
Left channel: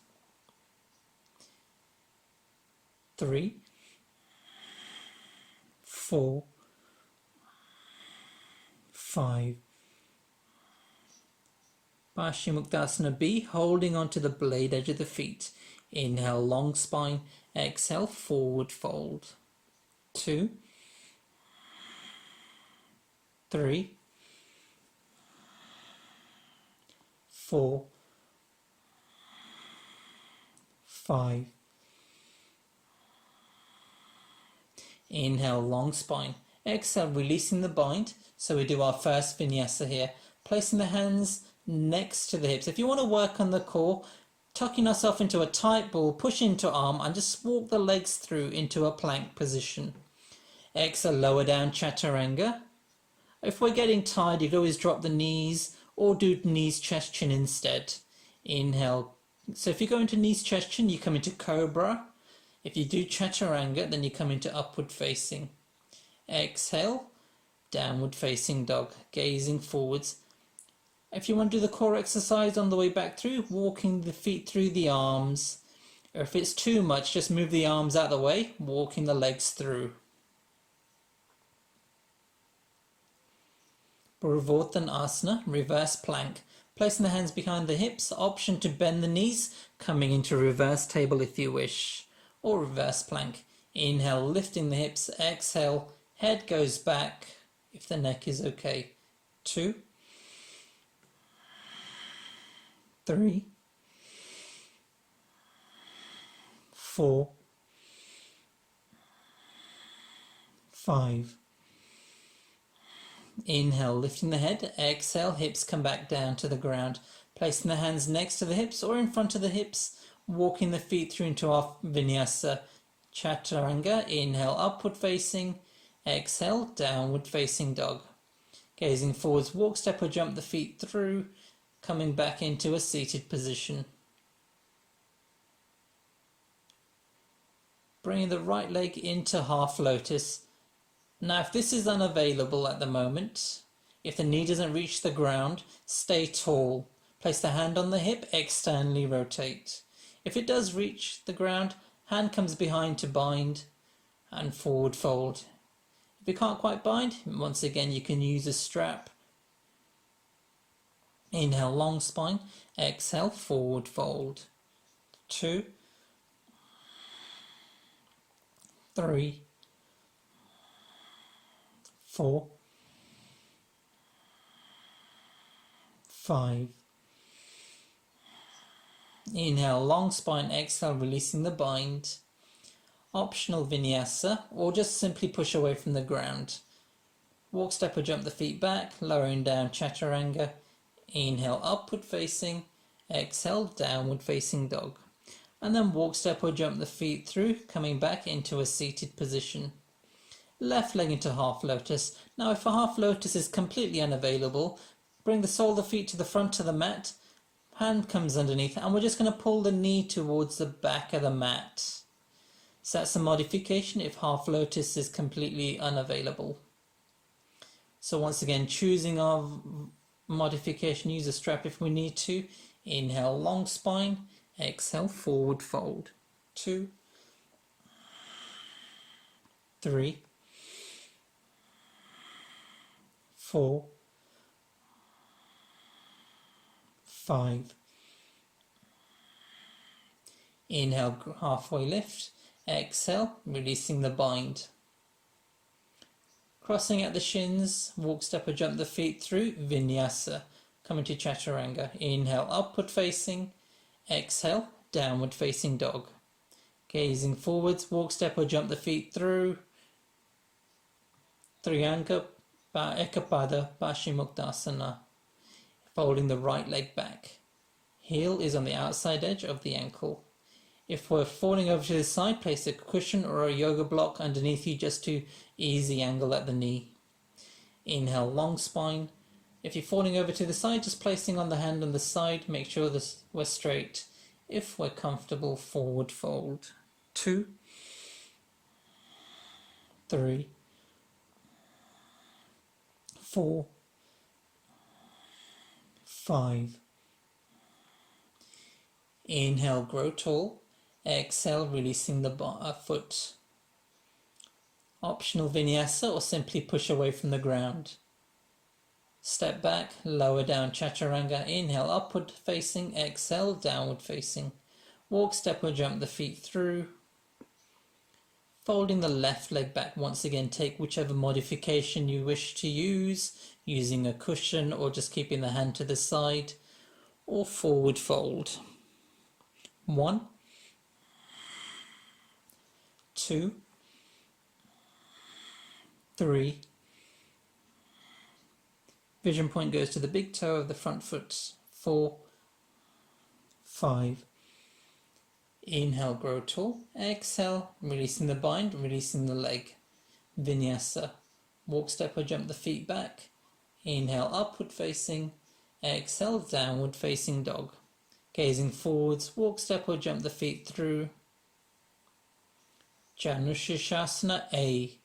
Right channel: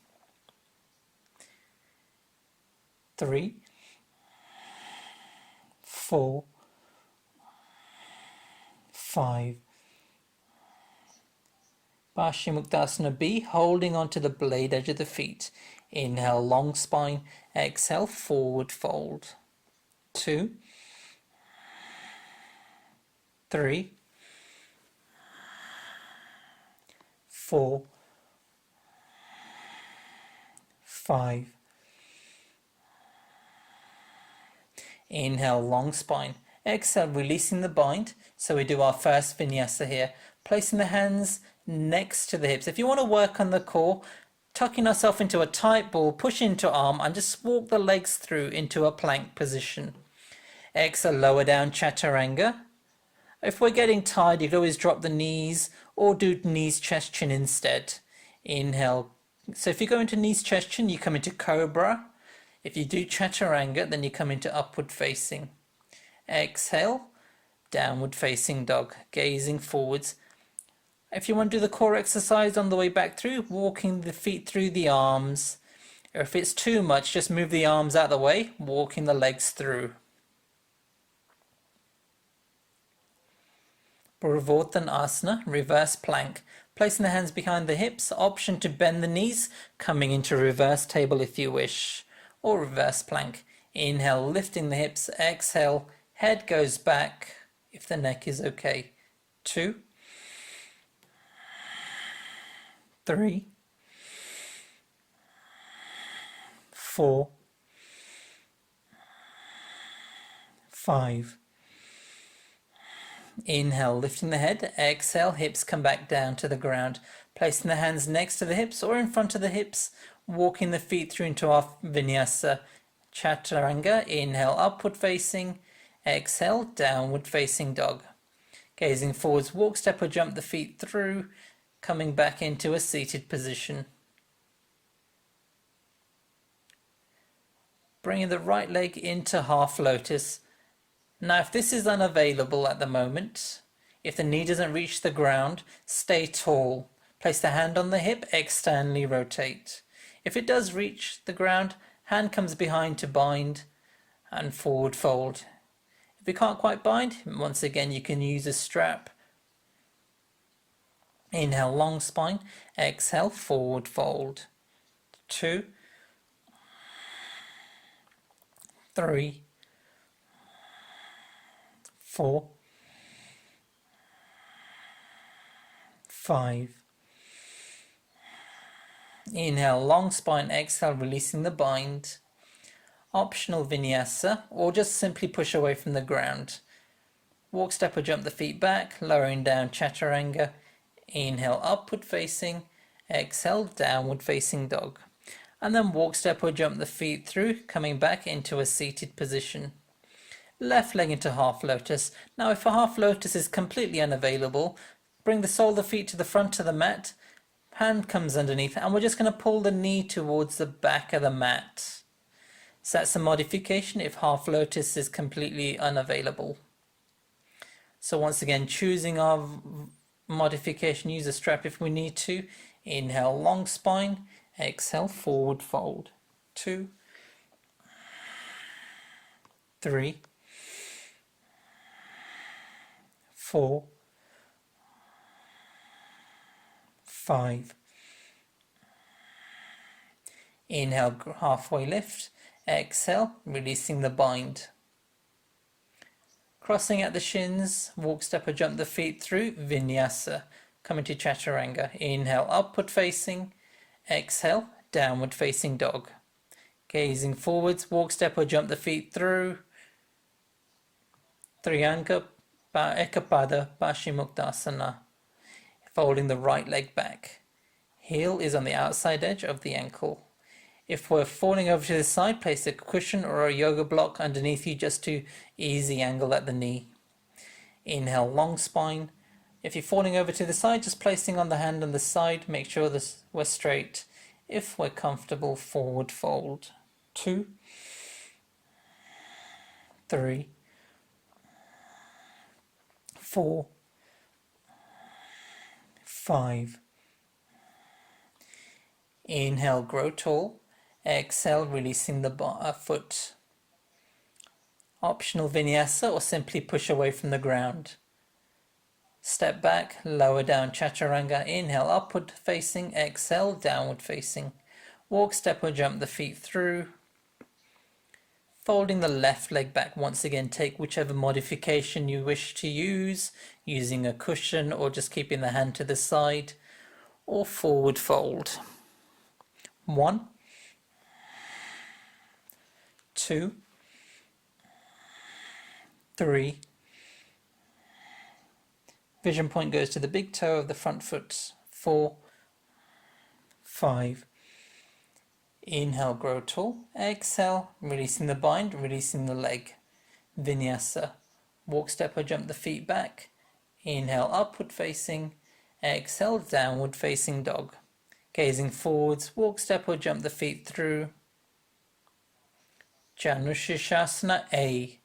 3, 4, 5. Paschimottanasana B, holding onto the blade edge of the feet. Inhale, long spine. Exhale, forward fold. 2, 3, 4, 5. Inhale, long spine. Exhale, releasing the bind. So we do our first vinyasa here. Placing the hands next to the hips. If you want to work on the core, tucking ourselves into a tight ball, push into arm and just walk the legs through into a plank position. Exhale, lower down, Chaturanga. If we're getting tired, you can always drop the knees or do knees, chest, chin instead. Inhale. So if you go into knees, chest, chin, you come into Cobra. If you do Chaturanga, then you come into upward facing. Exhale, downward facing dog, gazing forwards. If you want to do the core exercise on the way back through, walking the feet through the arms. Or if it's too much, just move the arms out of the way, walking the legs through. Purvottanasana, reverse plank. Placing the hands behind the hips, option to bend the knees, coming into reverse table if you wish. Or reverse plank. Inhale, lifting the hips. Exhale, head goes back if the neck is okay. 2, 3, 4, 5. Inhale, lifting the head. Exhale, hips come back down to the ground. Placing the hands next to the hips or in front of the hips. Walking the feet through into our vinyasa. Chaturanga. Inhale, upward facing. Exhale, downward facing dog. Gazing forwards, walk, step or jump the feet through. Coming back into a seated position. Bringing the right leg into half lotus. Now, if this is unavailable at the moment, if the knee doesn't reach the ground, stay tall. Place the hand on the hip, externally rotate. If it does reach the ground, hand comes behind to bind and forward fold. If you can't quite bind, once again you can use a strap. Inhale, long spine. Exhale, forward fold. 2, 3, 4, 5. Inhale, long spine. Exhale, releasing the bind. Optional vinyasa, or just simply push away from the ground. Walk, step or jump the feet back, lowering down, Chaturanga. Inhale, upward facing. Exhale, downward facing dog. and then walk, step or jump the feet through, coming back into a seated position. Left leg into half lotus. Now if a half lotus is completely unavailable, bring the sole of the feet to the front of the mat, hand comes underneath, and we're just going to pull the knee towards the back of the mat. So that's a modification if half lotus is completely unavailable. So once again, choosing our modification, use a strap if we need to. Inhale, long spine. Exhale, forward fold. 2, 3, 4, 5. Inhale, halfway lift. Exhale, releasing the bind. Crossing at the shins, walk, step or jump the feet through, vinyasa. Coming to chaturanga. Inhale, upward facing. Exhale, downward facing dog. Gazing forwards, walk, step or jump the feet through, Trianga Ekapada Paschimottanasana. Folding the right leg back. Heel is on the outside edge of the ankle. If we're falling over to the side, place a cushion or a yoga block underneath you just to ease the angle at the knee. Inhale, long spine. If you're falling over to the side, just placing on the hand on the side, make sure that we're straight. If we're comfortable, forward fold. 2, 3, 4, 5. Inhale, grow tall. Exhale, releasing the foot. Optional vinyasa or simply push away from the ground. Step back, lower down chaturanga. Inhale, upward facing. Exhale, downward facing. Walk, step or jump the feet through. Folding the left leg back. Once again, take whichever modification you wish to use, using a cushion or just keeping the hand to the side, or forward fold. 1, 2, 3. Vision point goes to the big toe of the front foot. 4, 5. Inhale, grow tall. Exhale, releasing the bind, releasing the leg. Vinyasa. Walk, step or jump the feet back. Inhale, upward facing. Exhale, downward facing dog. Gazing forwards, walk, step or jump the feet through. Janushirshasana A.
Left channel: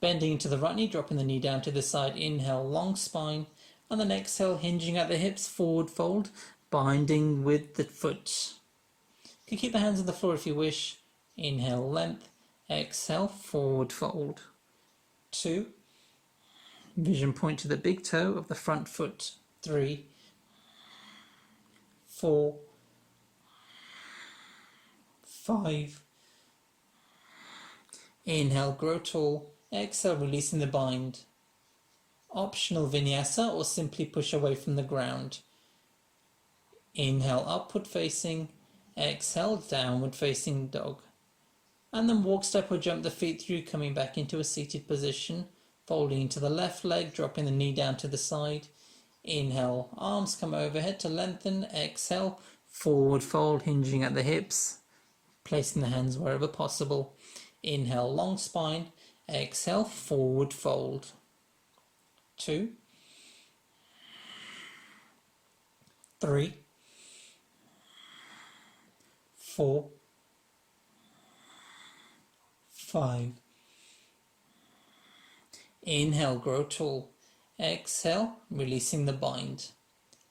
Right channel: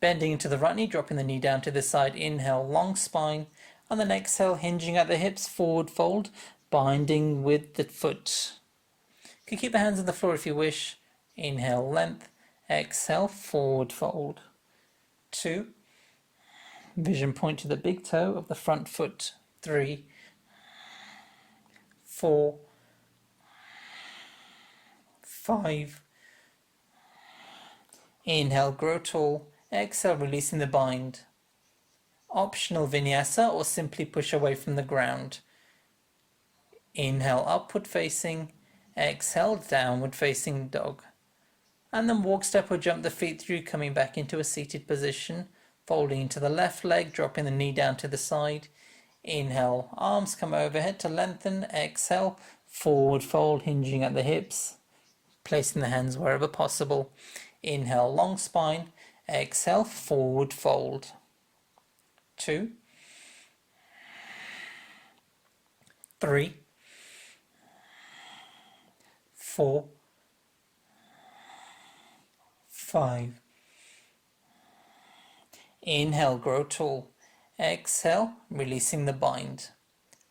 Bending into the right knee, dropping the knee down to the side. Inhale, long spine. And then exhale, hinging at the hips, forward fold, binding with the foot. You can keep the hands on the floor if you wish. Inhale, length. Exhale, forward fold. 2. Vision point to the big toe of the front foot. 3, 4, 5. Inhale, grow tall. Exhale, releasing the bind. Optional vinyasa or simply push away from the ground. Inhale, upward facing. Exhale, downward facing dog. And then walk, step or jump the feet through, coming back into a seated position. Folding into the left leg, dropping the knee down to the side. Inhale, arms come overhead to lengthen. Exhale, forward fold, hinging at the hips. Placing the hands wherever possible. Inhale, long spine. Exhale, forward fold. 2, 3, 4, 5. Inhale, grow tall. Exhale, releasing the bind.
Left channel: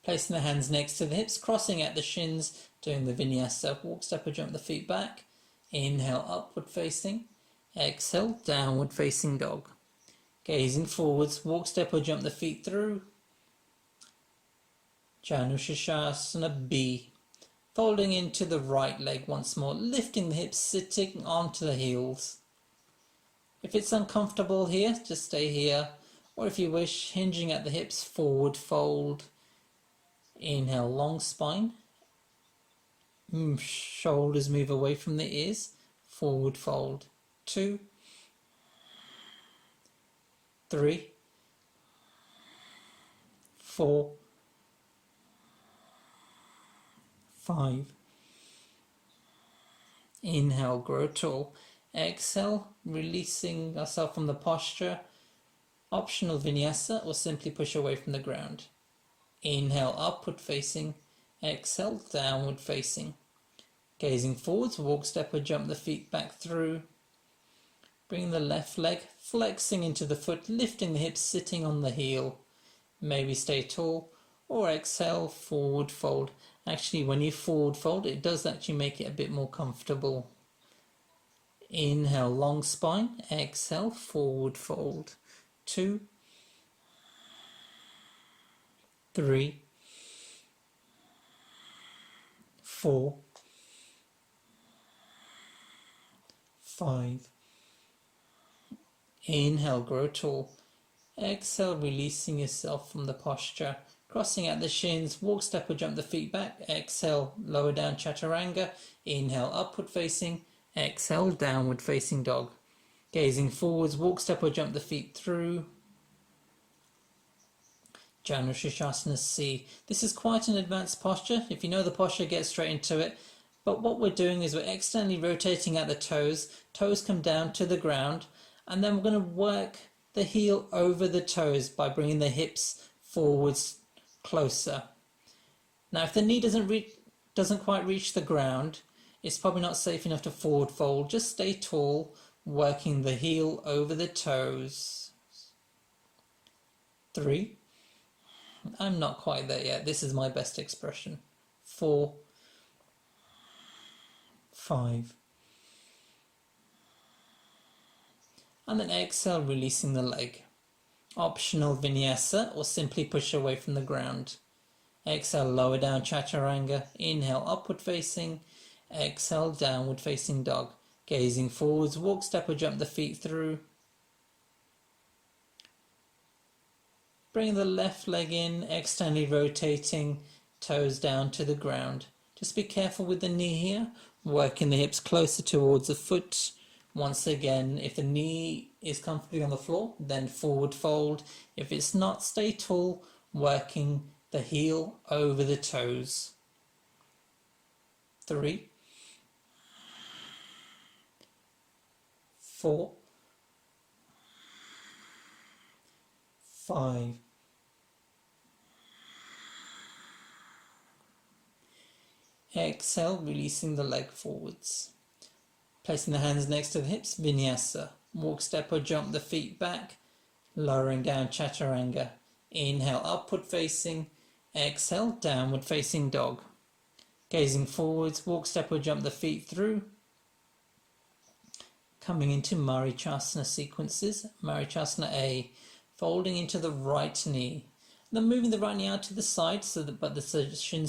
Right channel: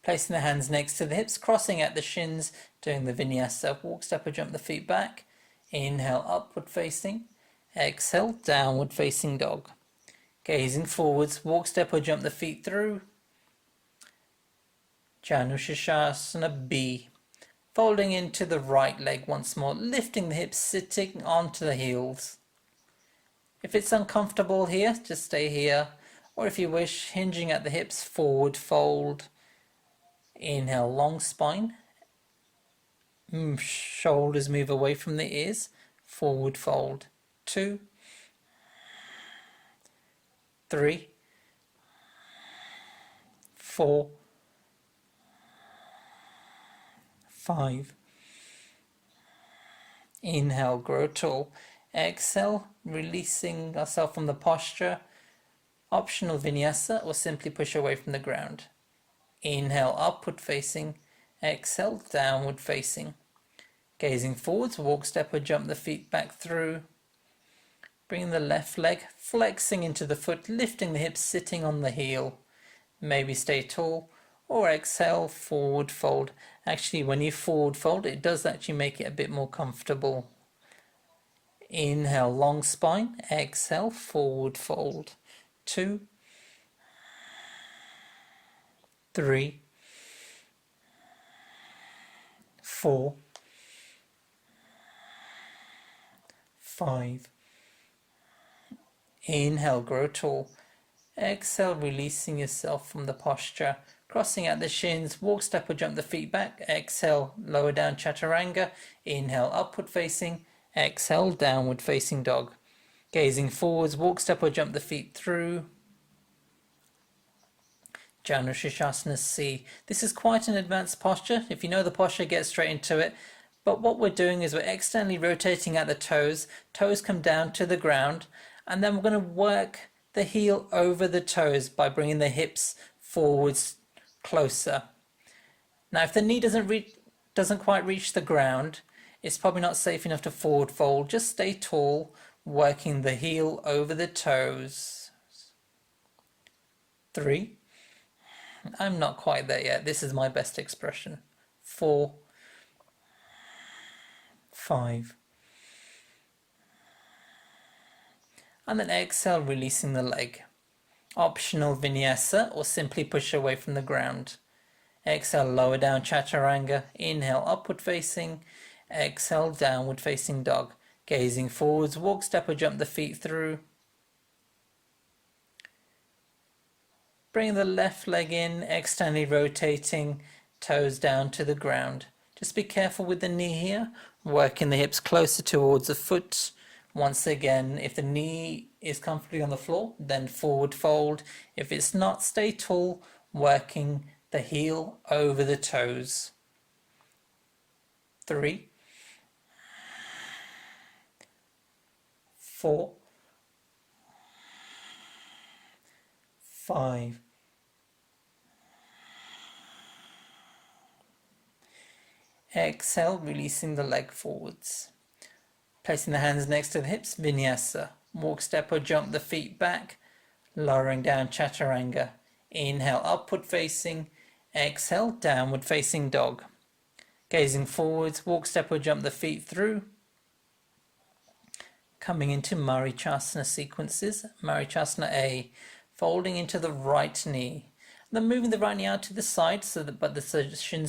Placing the hands next to the hips, crossing at the shins, doing the vinyasa. Walk, step or jump the feet back. Inhale, upward facing. Exhale, downward facing dog. Gazing forwards, walk, step or jump the feet through. Janushirshasana B. Folding into the right leg once more, lifting the hips, sitting onto the heels. If it's uncomfortable here, just stay here. Or if you wish, hinging at the hips, forward fold. Inhale, long spine. Shoulders move away from the ears. Forward fold. 2, 3, 4, 5. Inhale, grow tall. Exhale, releasing ourselves from the posture. Optional vinyasa or simply push away from the ground. Inhale, upward facing. Exhale, downward facing. Gazing forwards, walk, step or jump the feet back through. Bring the left leg, flexing into the foot, lifting the hips, sitting on the heel. Maybe stay tall, or exhale, forward fold. Actually, when you forward fold, it does actually make it a bit more comfortable. Inhale, long spine. Exhale, forward fold. 2, 3, 4, 5. Inhale, grow tall. Exhale, releasing yourself from the posture. Crossing out the shins, walk, step or jump the feet back. Exhale, lower down chaturanga. Inhale, upward facing. Exhale, downward facing dog. Gazing forwards, walk, step or jump the feet through. Janu Shishasana C. This is quite an advanced posture. If you know the posture, get straight into it. But what we're doing is we're externally rotating at the toes. Toes come down to the ground. And then we're going to work the heel over the toes by bringing the hips forwards closer. Now, if the knee doesn't quite reach the ground, it's probably not safe enough to forward fold. Just stay tall, working the heel over the toes. 3. I'm not quite there yet. This is my best expression. 4, 5. And then exhale, releasing the leg. Optional vinyasa or simply push away from the ground. Exhale, lower down chaturanga. Inhale, upward facing. Exhale, downward facing dog. Gazing forwards, walk, step or jump the feet through. Bring the left leg in, externally rotating, toes down to the ground. Just be careful with the knee here, working the hips closer towards the foot. Once again, if the knee is comfortably on the floor, then forward fold. If it's not, stay tall, working the heel over the toes. 3, 4, 5. Exhale, releasing the leg forwards. Placing the hands next to the hips, vinyasa. Walk, step or jump the feet back, lowering down chaturanga. Inhale, upward facing. Exhale, downward facing dog. Gazing forwards, walk, step or jump the feet through. Coming into Marichasana sequences. Marichasana A, folding into the right knee. Then moving the right knee out to the side so that the shin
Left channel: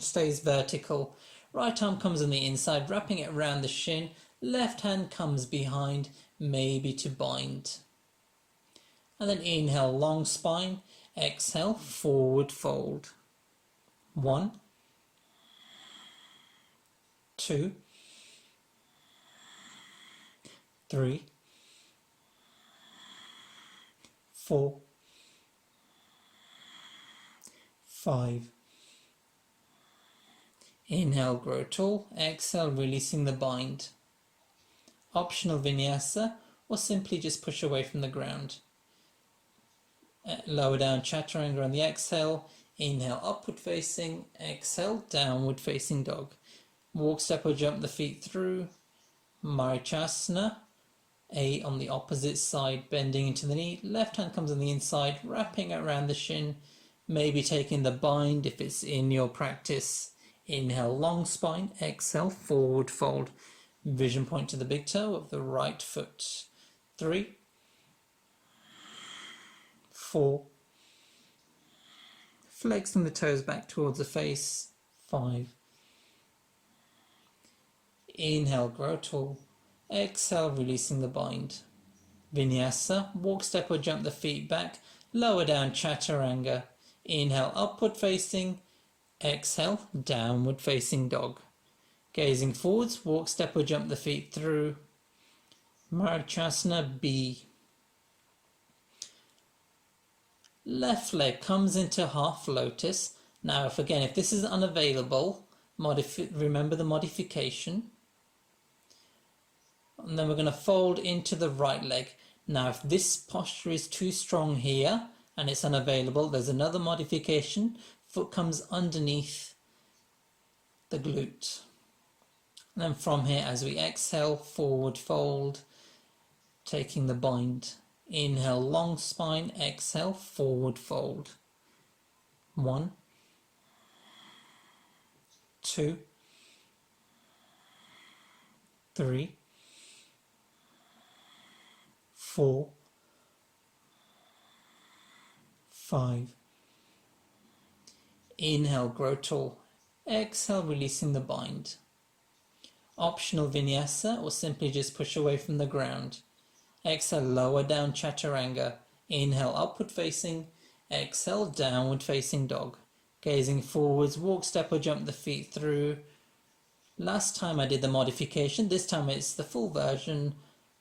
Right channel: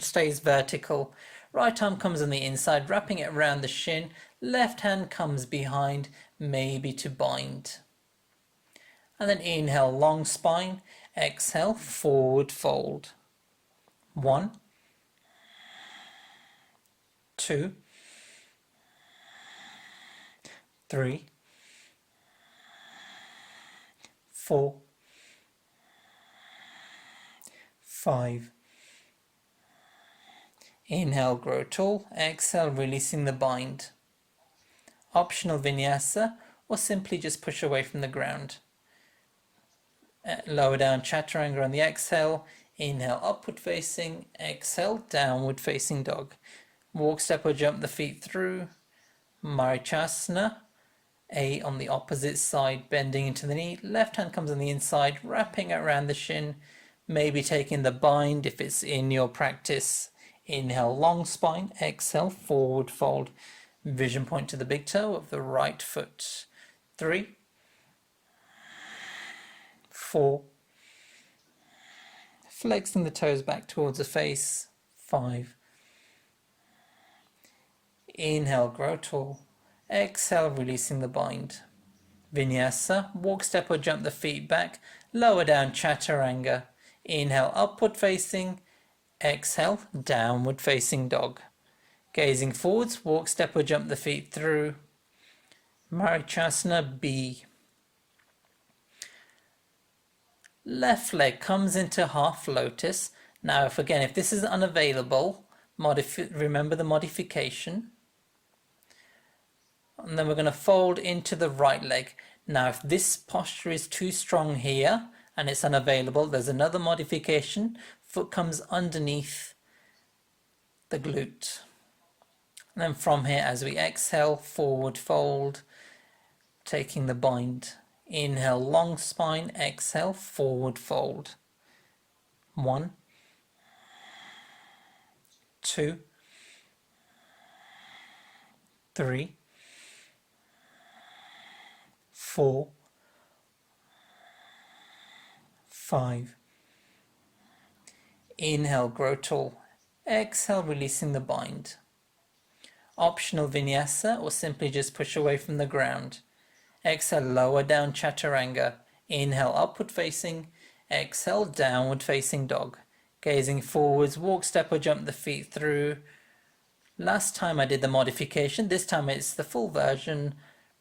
stays vertical. Right arm comes on the inside, wrapping it around the shin. Left hand comes behind, maybe to bind. And then inhale, long spine. Exhale, forward fold. 1, 2, 3, 4, 5. Inhale, grow tall. Exhale, releasing the bind. Optional vinyasa or simply just push away from the ground. Lower down chaturanga on the exhale. Inhale, upward facing. Exhale, downward facing dog. Walk, step or jump the feet through. Marichasana A on the opposite side, bending into the knee. Left hand comes on the inside, wrapping it around the shin. Maybe taking the bind if it's in your practice. Inhale, long spine. Exhale, forward fold. Vision point to the big toe of the right foot. 3, 4. Flexing the toes back towards the face. 5. Inhale, grow tall. Exhale, releasing the bind. Vinyasa, walk, step or jump the feet back. Lower down chaturanga. Inhale, upward facing. Exhale, downward facing dog. Gazing forwards, walk, step or jump the feet through. Marichasana B. Left leg comes into half lotus. Now, if this is unavailable, Remember the modification. And then we're going to fold into the right leg. Now, if this posture is too strong here and it's unavailable, there's another modification. Foot comes underneath the glute. And then from here, as we exhale, forward fold, taking the bind. Inhale, long spine, exhale, forward fold. 1, 2, 3, 4, 5. Inhale, grow tall. Exhale, releasing the bind. Optional vinyasa, or simply just push away from the ground. Exhale, lower down chaturanga. Inhale, upward facing. Exhale, downward facing dog. Gazing forwards, walk, step or jump the feet through. Last time I did the modification, this time it's the full version.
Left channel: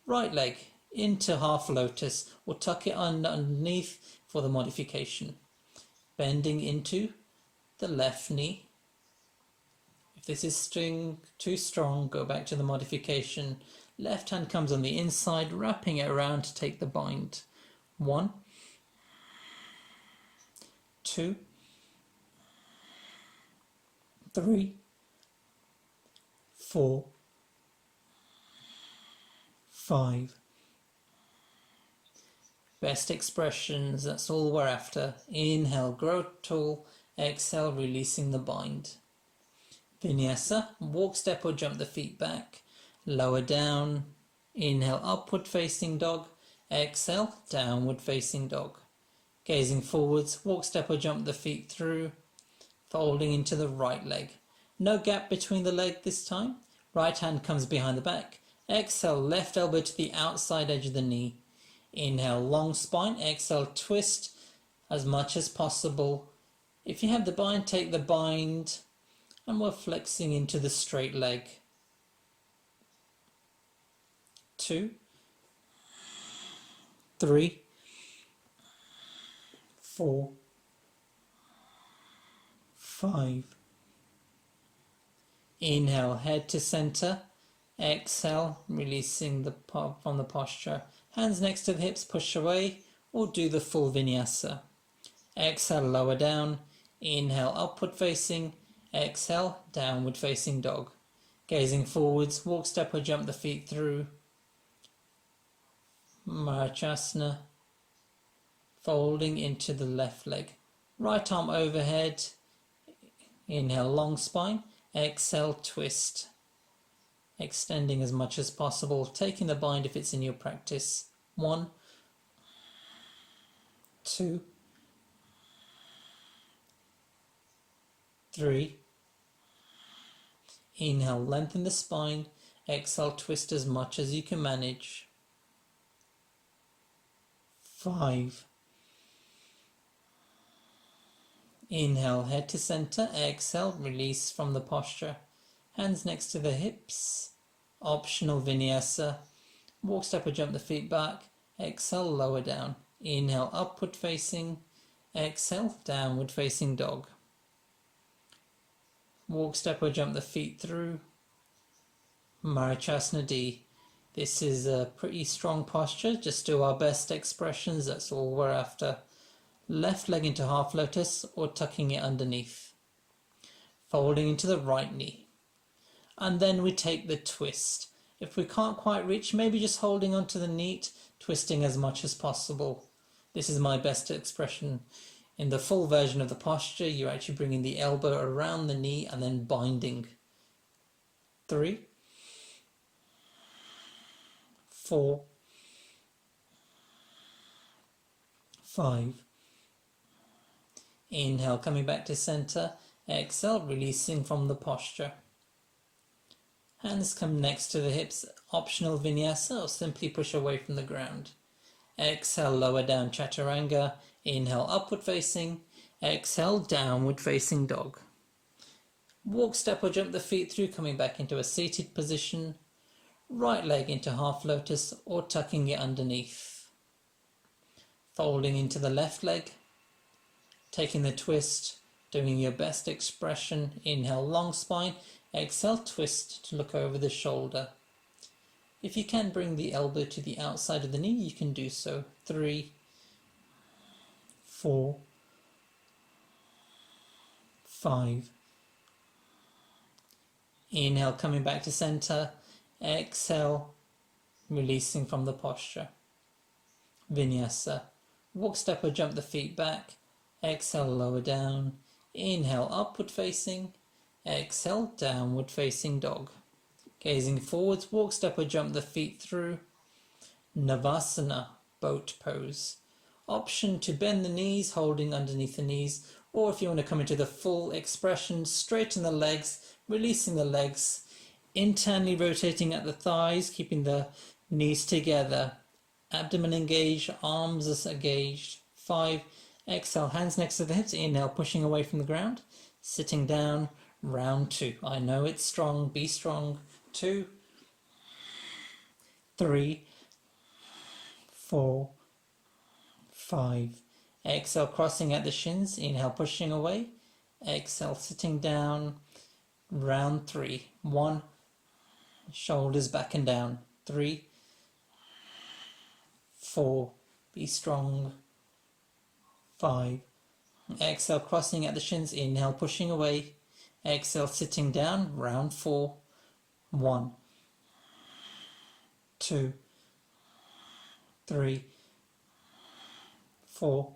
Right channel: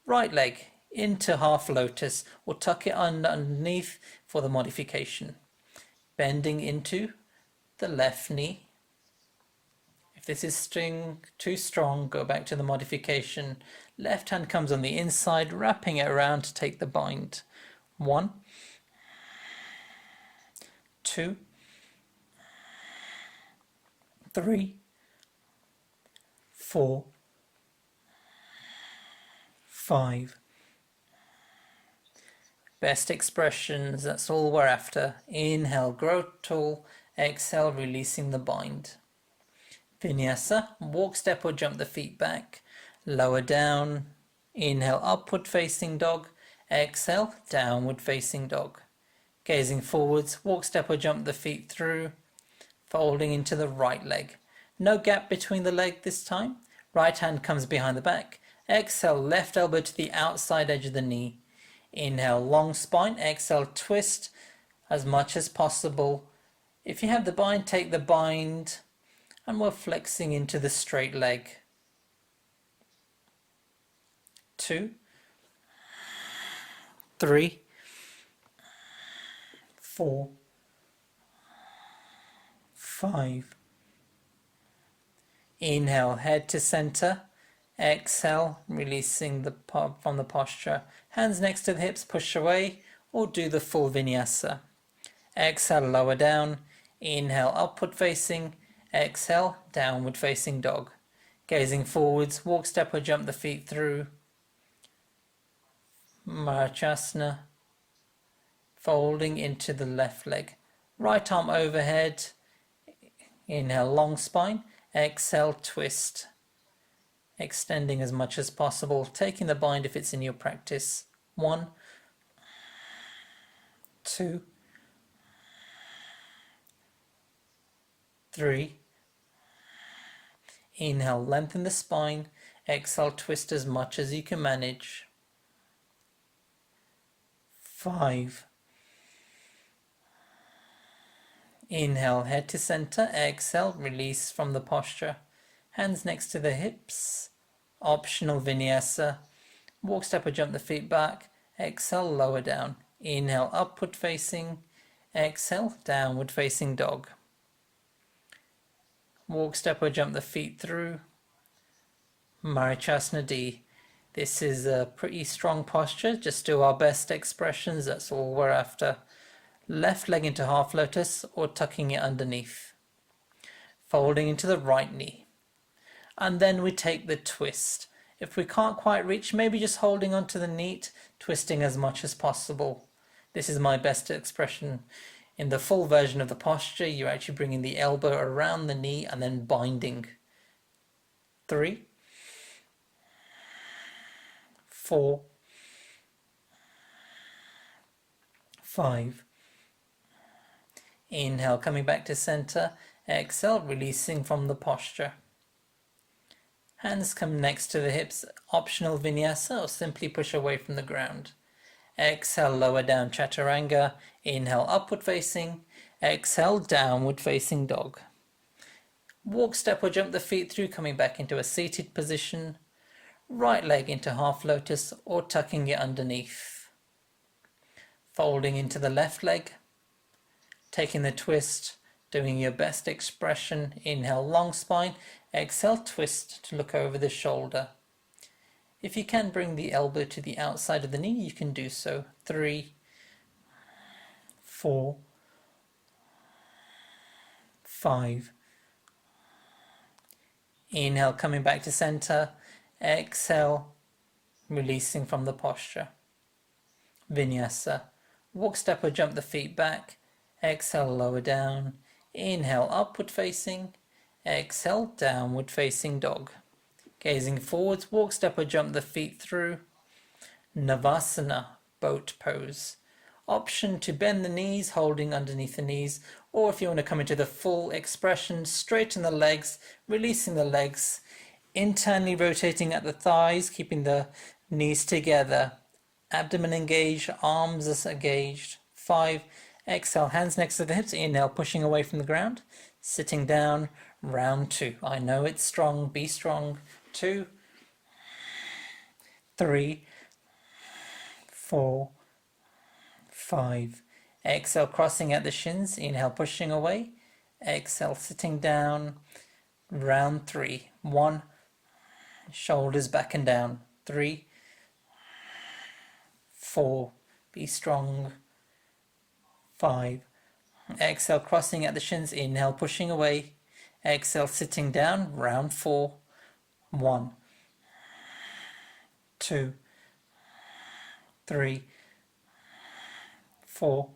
Right leg into half lotus, or tuck it underneath for the modification. Bending into the left knee. If this is too strong, go back to the modification. Left hand comes on the inside, wrapping it around to take the bind. 1, 2, 3, 4, 5. Best expressions, that's all we're after. Inhale, grow tall. Exhale, releasing the bind. Vinyasa, walk, step or jump the feet back. Lower down. Inhale, upward facing dog. Exhale, downward facing dog. Gazing forwards, walk, step or jump the feet through. Folding into the right leg. No gap between the leg this time. Right hand comes behind the back. Exhale, left elbow to the outside edge of the knee. Inhale, long spine. Exhale, twist as much as possible. If you have the bind, take the bind. And we're flexing into the straight leg. 2, 3, 4, 5. Inhale, head to center. Exhale, releasing from the posture. Hands next to the hips, push away, or do the full vinyasa. Exhale, lower down. Inhale, upward facing. Exhale, downward facing dog. Gazing forwards, walk, step or jump the feet through. Marachasana. Folding into the left leg. Right arm overhead. Inhale, long spine. Exhale, twist. Extending as much as possible. Taking the bind if it's in your practice. 1, 2, 3. Inhale, lengthen the spine. Exhale, twist as much as you can manage. 5. Inhale, head to center. Exhale, release from the posture. Hands next to the hips. Optional vinyasa. Walk, step or jump the feet back. Exhale, lower down. Inhale, upward facing. Exhale, downward facing dog. Walk, step or jump the feet through. Marachasana D. This is a pretty strong posture. Just do our best expressions. That's all we're after. Left leg into half lotus or tucking it underneath. Folding into the right knee. And then we take the twist. If we can't quite reach, maybe just holding onto the knee, twisting as much as possible. This is my best expression. In the full version of the posture, you're actually bringing the elbow around the knee and then binding. 3, 4, 5. Inhale, coming back to center. Exhale, releasing from the posture. Hands come next to the hips. Optional vinyasa, or simply push away from the ground. Exhale, lower down chaturanga. Inhale, upward facing. Exhale, downward facing dog. Walk, step or jump the feet through, coming back into a seated position. Right leg into half lotus or tucking it underneath. Folding into the left leg. Taking the twist. doing your best expression. Inhale, long spine. Exhale, twist to look over the shoulder. If you can bring the elbow to the outside of the knee, you can do so. 3, 4, 5. Inhale, coming back to center. Exhale, releasing from the posture. Vinyasa. Walk, step or jump the feet back. Exhale, lower down. Inhale, upward facing. Exhale, downward facing dog. Gazing forwards, walk, step or jump the feet through. Navasana, boat pose. Option to bend the knees, holding underneath the knees, or if you want to come into the full expression, straighten the legs, releasing the legs, internally rotating at the thighs, keeping the knees together. Abdomen engaged, arms are engaged. 5. Exhale, hands next to the hips. Inhale, pushing away from the ground. Sitting down, round 2. I know it's strong, be strong. 2, 3, 4, 5. Exhale, crossing at the shins. Inhale, pushing away. Exhale, sitting down. Round 3. 1. Shoulders back and down. 3, 4. Be strong. 5. Exhale, crossing at the shins. Inhale, pushing away. Exhale, sitting down. Round 4. 1, 2, 3, 4,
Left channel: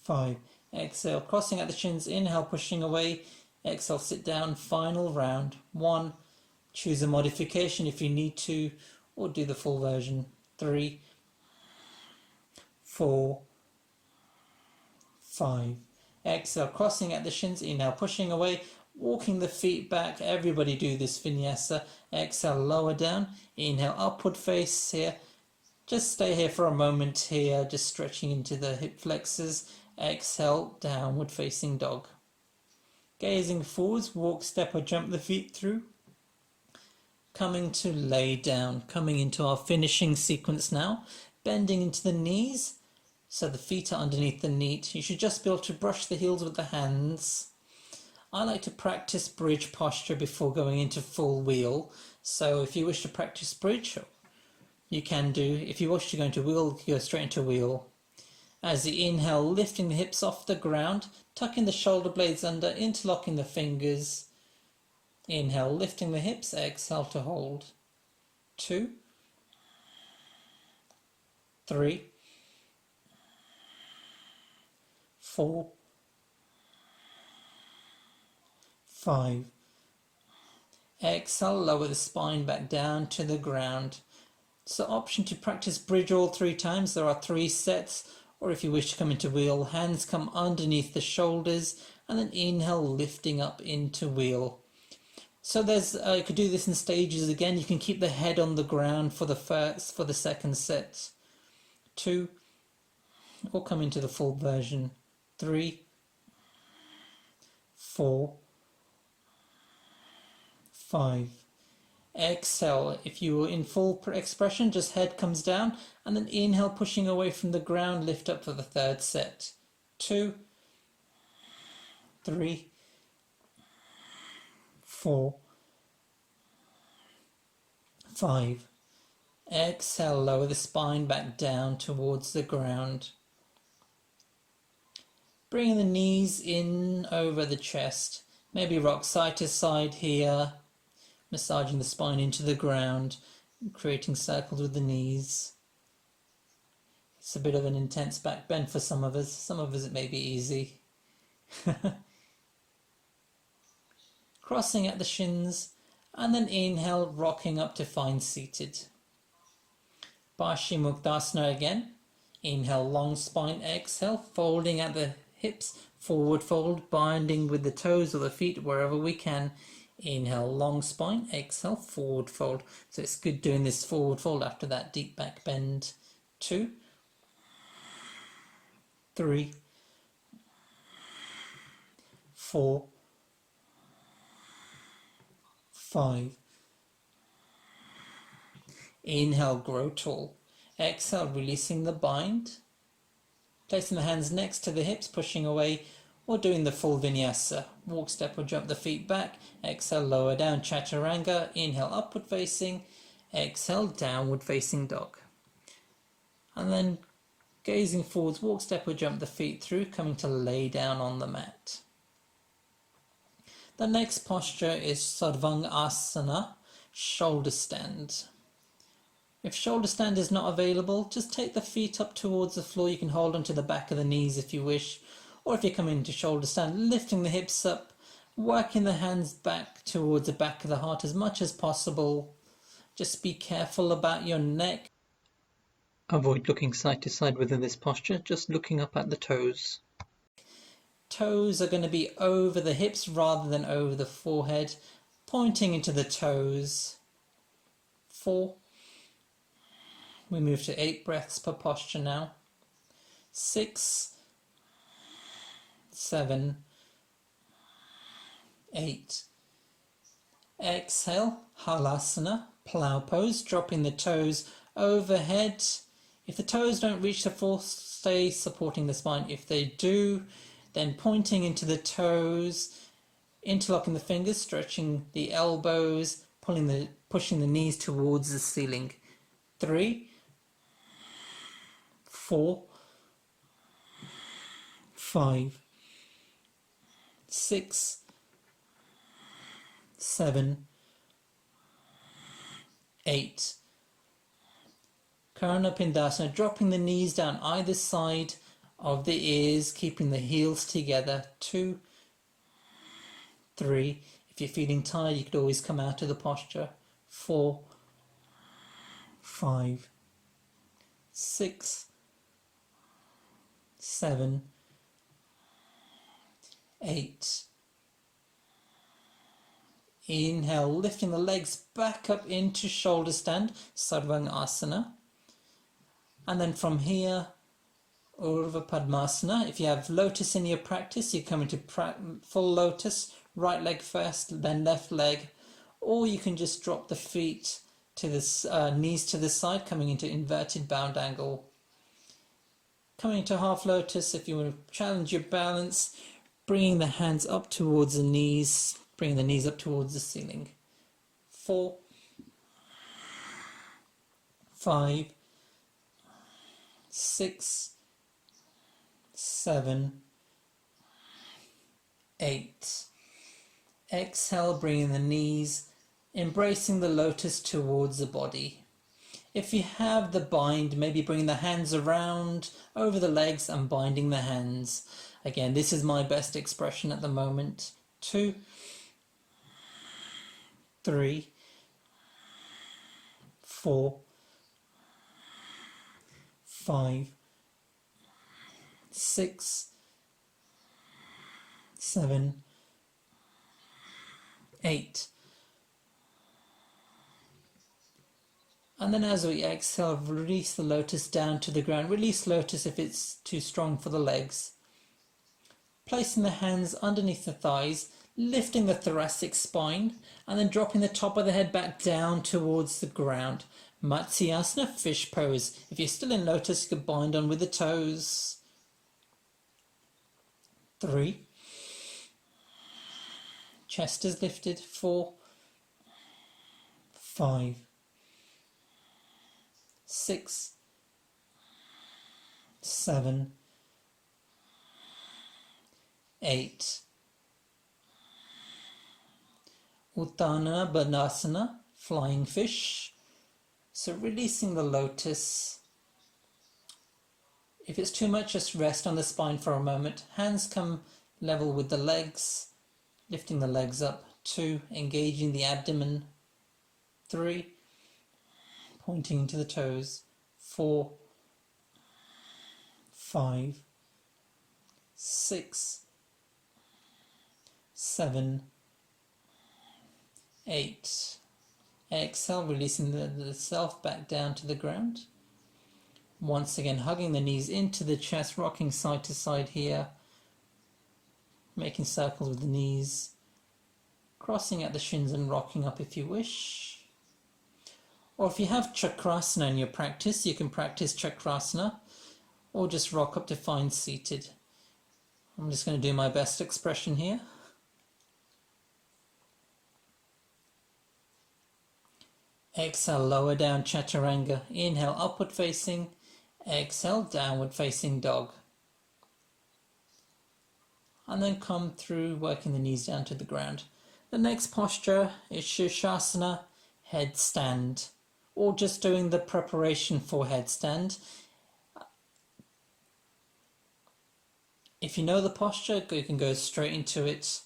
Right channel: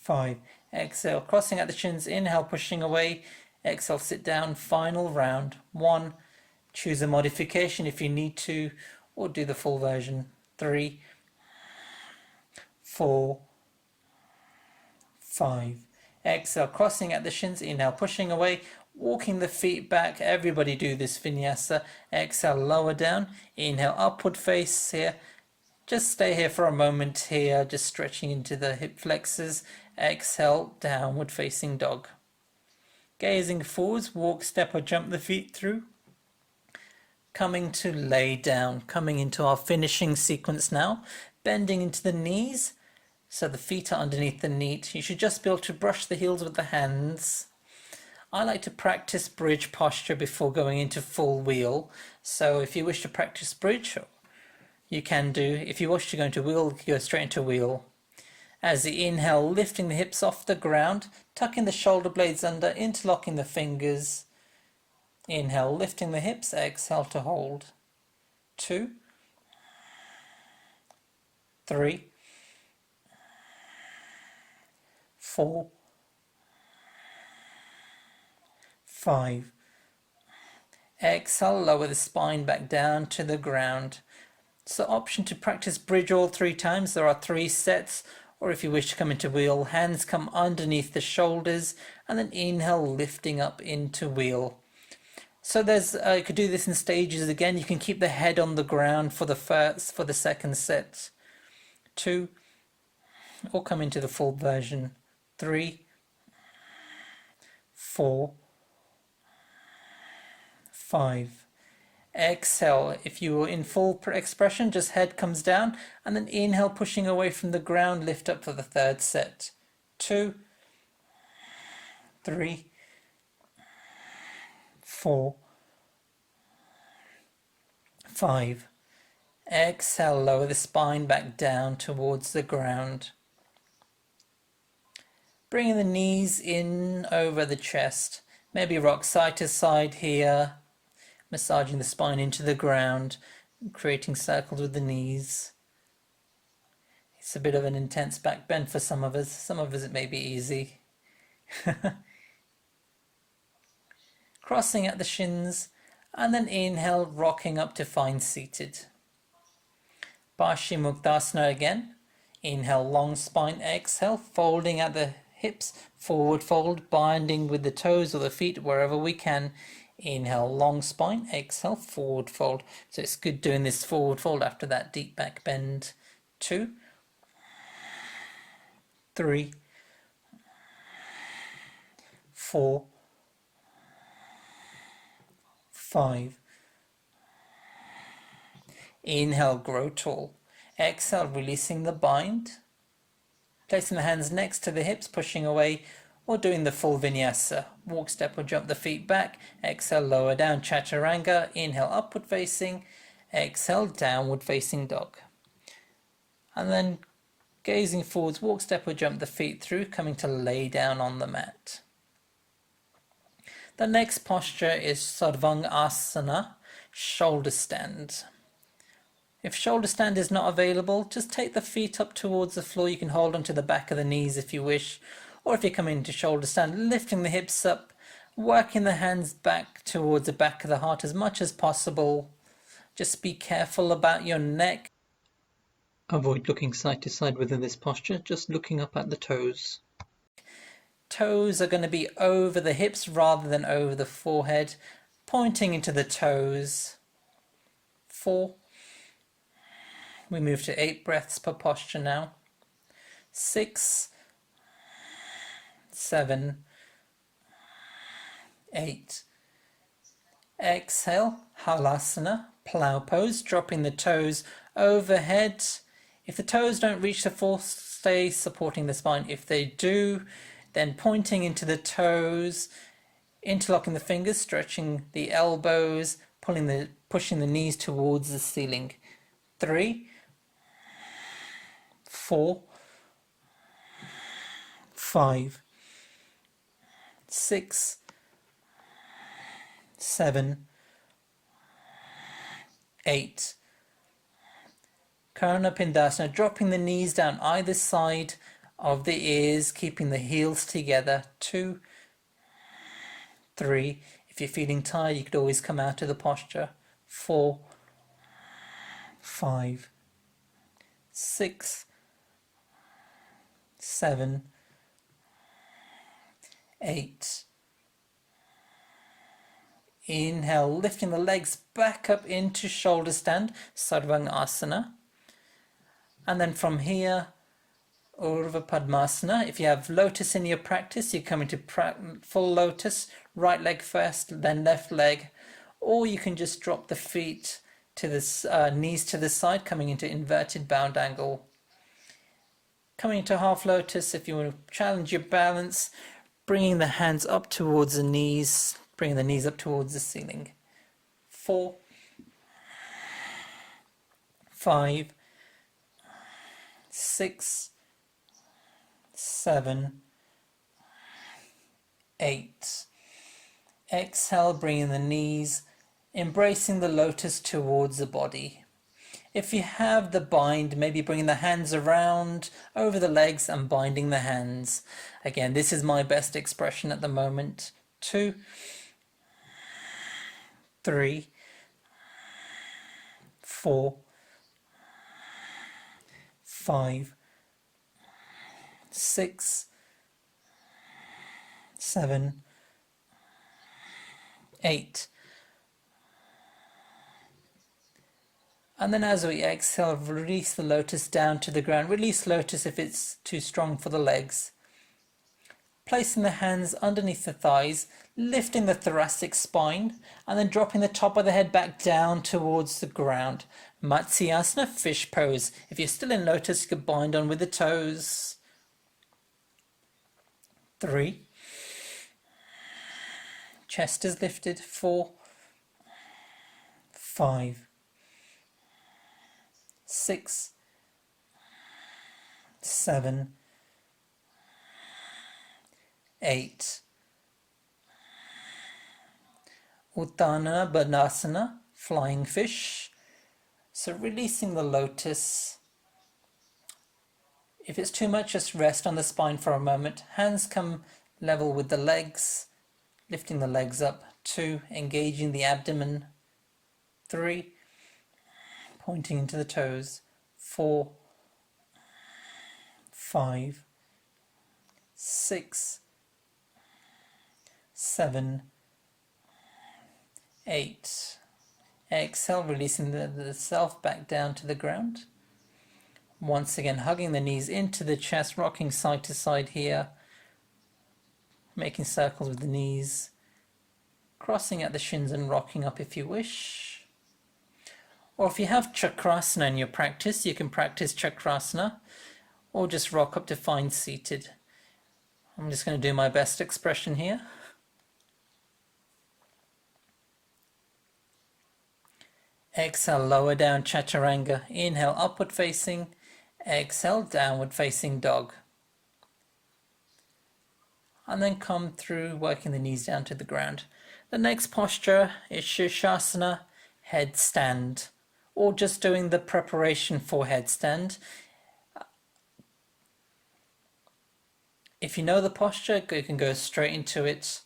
5. Exhale, crossing at the shins. Inhale, pushing away. Exhale, sit down. Final round. 1. Choose a modification if you need to, or do the full version. 3, 4, 5. Exhale, crossing at the shins. Inhale, pushing away. Walking the feet back. Everybody do this vinyasa. Exhale, lower down. Inhale, upward face here. Just stay here for a moment here, just stretching into the hip flexors. Exhale, downward facing dog. Gazing forwards, walk, step or jump the feet through. Coming to lay down, coming into our finishing sequence now. Bending into the knees, so the feet are underneath the knee. You should just be able to brush the heels with the hands. I like to practice bridge posture before going into full wheel. So if you wish to practice bridge, you can do. If you wish to go into wheel, go straight into wheel. As the inhale, lifting the hips off the ground, tucking the shoulder blades under, interlocking the fingers. Inhale, lifting the hips, exhale to hold. 2, 3, 4, 5. Exhale, lower the spine back down to the ground. So option to practice bridge all 3 times. There are 3 sets. Or if you wish to come into wheel, hands come underneath the shoulders and then inhale, lifting up into wheel. So there's you could do this in stages again. You can keep the head on the ground for the second set. 2, or come into the full version. 3, 4, 5. Exhale. If you were in full expression, just head comes down and then inhale, pushing away from the ground, lift up for the third set. 2, 3, 4, 5. Exhale, lower the spine back down towards the ground. Bringing the knees in over the chest. Maybe rock side to side here. Massaging the spine into the ground, creating circles with the knees. It's a bit of an intense back bend for some of us. Some of us it may be easy. Crossing at the shins, and then inhale, rocking up to find seated. Paschimottanasana again. Inhale, long spine, exhale, folding at the hips, forward fold, binding with the toes or the feet wherever we can. Inhale, long spine, exhale, forward fold. So it's good doing this forward fold after that deep back bend. 2, 3, 4, 5. Inhale, grow tall. Exhale, releasing the bind. Placing the hands next to the hips, pushing away. or doing the full vinyasa. Walk, step or jump the feet back. Exhale, lower down, chaturanga. Inhale, upward facing. Exhale, downward facing dog. And then gazing forwards, walk, step or jump the feet through, coming to lay down on the mat. The next posture is Sarvangasana, shoulder stand. If shoulder stand is not available, just take the feet up towards the floor. You can hold onto the back of the knees if you wish. Or if you come into shoulder stand, lifting the hips up, working the hands back towards the back of the heart as much as possible. Just be careful about your neck. Avoid looking side to side within this posture, just looking up at the toes. Toes are going to be over the hips rather than over the forehead, pointing into the toes. 4. We move to 8 breaths per posture now. 6, 7, 8. Exhale, Halasana, plow pose, dropping the toes overhead. If the toes don't reach the floor, stay supporting the spine. If they do, then pointing into the toes, interlocking the fingers, stretching the elbows, pushing the knees towards the ceiling. 3, 4, 5, 6, 7, 8. Karana Pindasana, dropping the knees down either side of the ears, keeping the heels together. 2, 3. If you're feeling tired, you could always come out of the posture. 4, 5, 6, 7, 8. Inhale, lifting the legs back up into shoulder stand, Sarvangasana. And then from here, Urdhva Padmasana. If you have lotus in your practice, you come into full lotus, right leg first, then left leg. Or you can just drop the feet to the knees to the side, coming into inverted bound angle. Coming into half lotus, if you want to challenge your balance, bringing the hands up towards the knees, bringing the knees up towards the ceiling. 4, 5, 6, 7, 8. Exhale, bringing the knees, embracing the lotus towards the body. If you have the bind, maybe bringing the hands around over the legs and binding the hands. Again, this is my best expression at the moment. 2, 3, 4, 5, 6, 7, 8. And then as we exhale, release the lotus down to the ground. Release lotus if it's too strong for the legs. Placing the hands underneath the thighs, lifting the thoracic spine, and then dropping the top of the head back down towards the ground. Matsyasana, fish pose. If you're still in lotus, you can bind on with the toes. 3. Chest is lifted. 4, 5, 6, 7, 8. Uttanana Bandhasana, flying fish. So releasing the lotus. If it's too much, just rest on the spine for a moment. Hands come level with the legs, lifting the legs up. 2, engaging the abdomen. 3, pointing into the toes. 4, 5, 6, 7, 8. Exhale, releasing the self back down to the ground. Once again, hugging the knees into the chest, rocking side to side here. Making circles with the knees. Crossing at the shins and rocking up if you wish. Or if you have Chakrasana in your practice, you can practice Chakrasana or just rock up to find seated. I'm just going to do my best expression here. Exhale, lower down chaturanga. Inhale, upward facing. Exhale, downward facing dog. And then come through, working the knees down to the ground. The next posture is Shirshasana, headstand, or just doing the preparation for headstand. If you know the posture, you can go straight into it.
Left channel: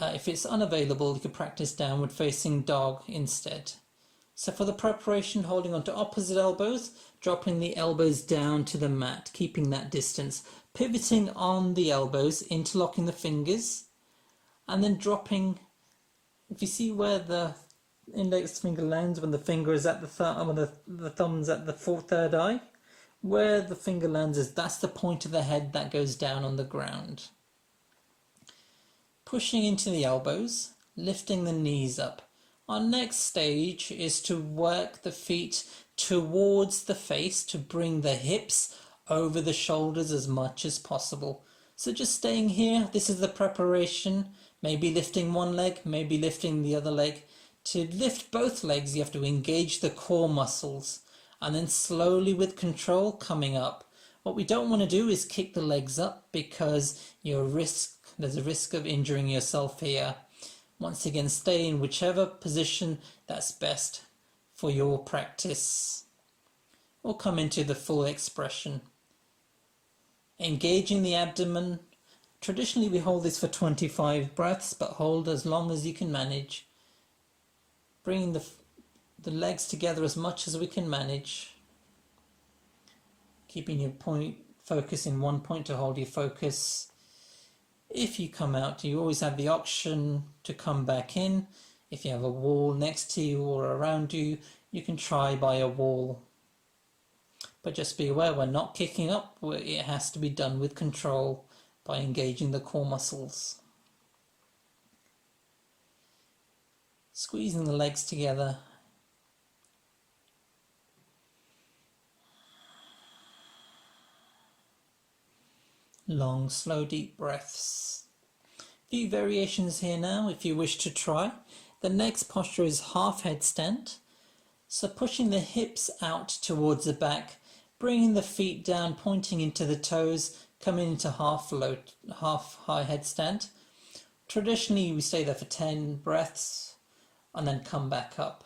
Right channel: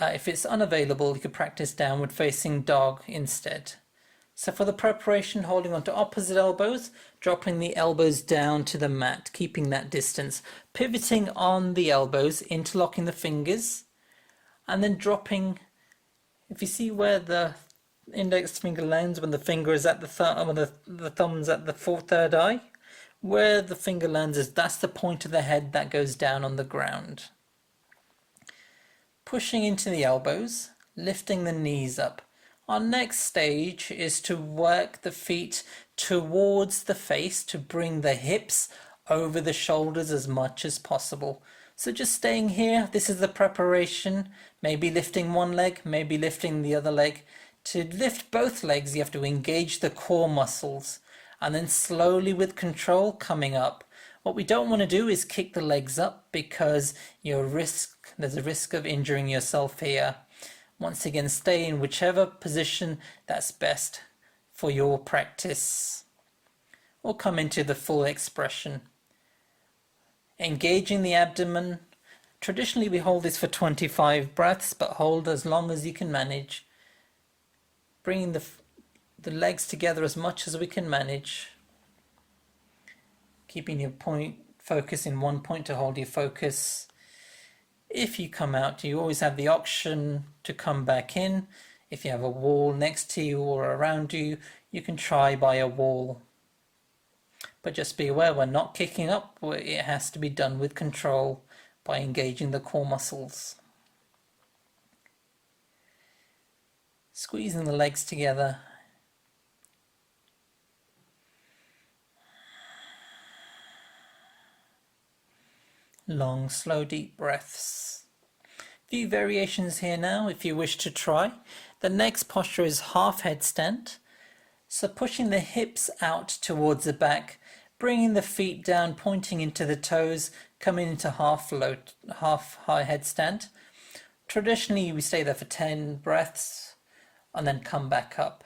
If it's unavailable, you could practice downward facing dog instead. So for the preparation, holding on to opposite elbows, dropping the elbows down to the mat, keeping that distance, pivoting on the elbows, interlocking the fingers, and then dropping. If you see where the index finger lands when the finger is at the thumb, when the thumb's at the third eye, where the finger lands is that's the point of the head that goes down on the ground. Pushing into the elbows, lifting the knees up. Our next stage is to work the feet towards the face to bring the hips over the shoulders as much as possible. So just staying here, this is the preparation, maybe lifting one leg, maybe lifting the other leg. To lift both legs, you have to engage the core muscles and then slowly with control coming up. What we don't want to do is kick the legs up because there's a risk of injuring yourself here. Once again, stay in whichever position that's best for your practice. We'll come into the full expression. Engaging the abdomen. Traditionally, we hold this for 25 breaths, but hold as long as you can manage. Bringing the legs together as much as we can manage. Keeping your focus in one point to hold your focus. If you come out, you always have the option to come back in. If you have a wall next to you or around you, you can try by a wall. But just be aware, we're not kicking up. It has to be done with control by engaging the core muscles. Squeezing the legs together. Long, slow, deep breaths. Few variations here now if you wish to try. The next posture is half headstand. So pushing the hips out towards the back, bringing the feet down, pointing into the toes, coming into half high headstand. Traditionally, we stay there for 10 breaths and then come back up.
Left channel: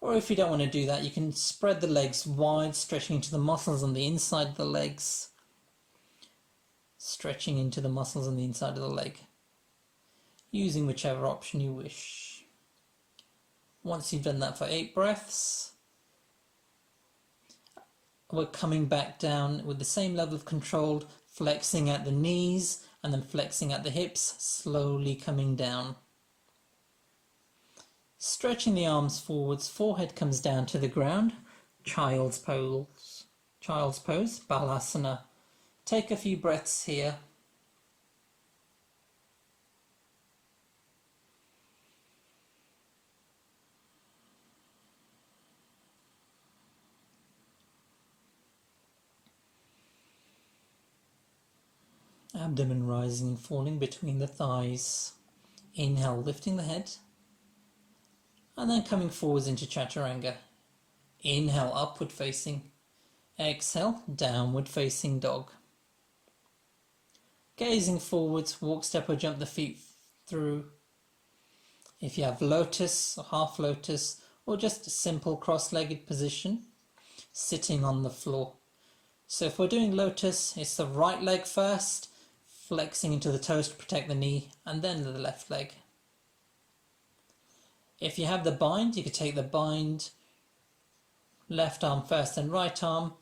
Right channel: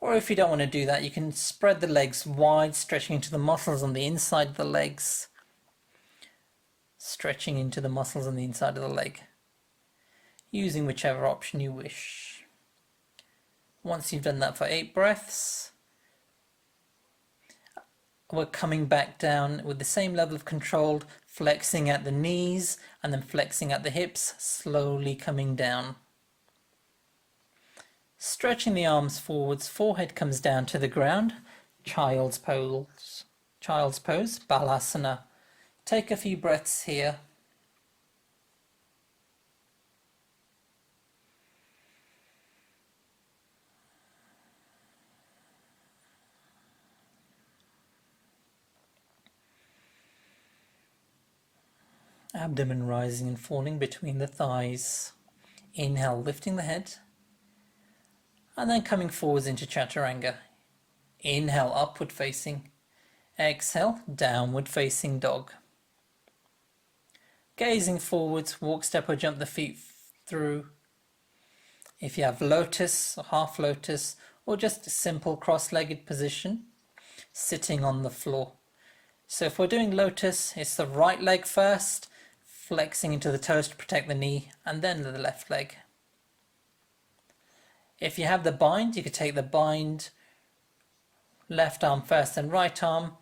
Or if you don't want to do that, you can spread the legs wide, stretching into the muscles on the inside of the legs. Stretching into the muscles on the inside of the leg, using whichever option you wish. Once you've done that for 8 breaths, we're coming back down with the same level of control, flexing at the knees and then flexing at the hips, slowly coming down. Stretching the arms forwards, forehead comes down to the ground, child's pose, balasana. Take a few breaths here. Abdomen rising and falling between the thighs. Inhale, lifting the head. And then coming forwards into chaturanga. Inhale, upward facing. Exhale, downward facing dog. Gazing forwards, walk, step or jump the feet through. If you have lotus or half lotus or just a simple cross-legged position, sitting on the floor. So if we're doing lotus, it's the right leg first, flexing into the toes to protect the knee, and then the left leg. If you have the bind, you could take the bind, left arm first and right arm,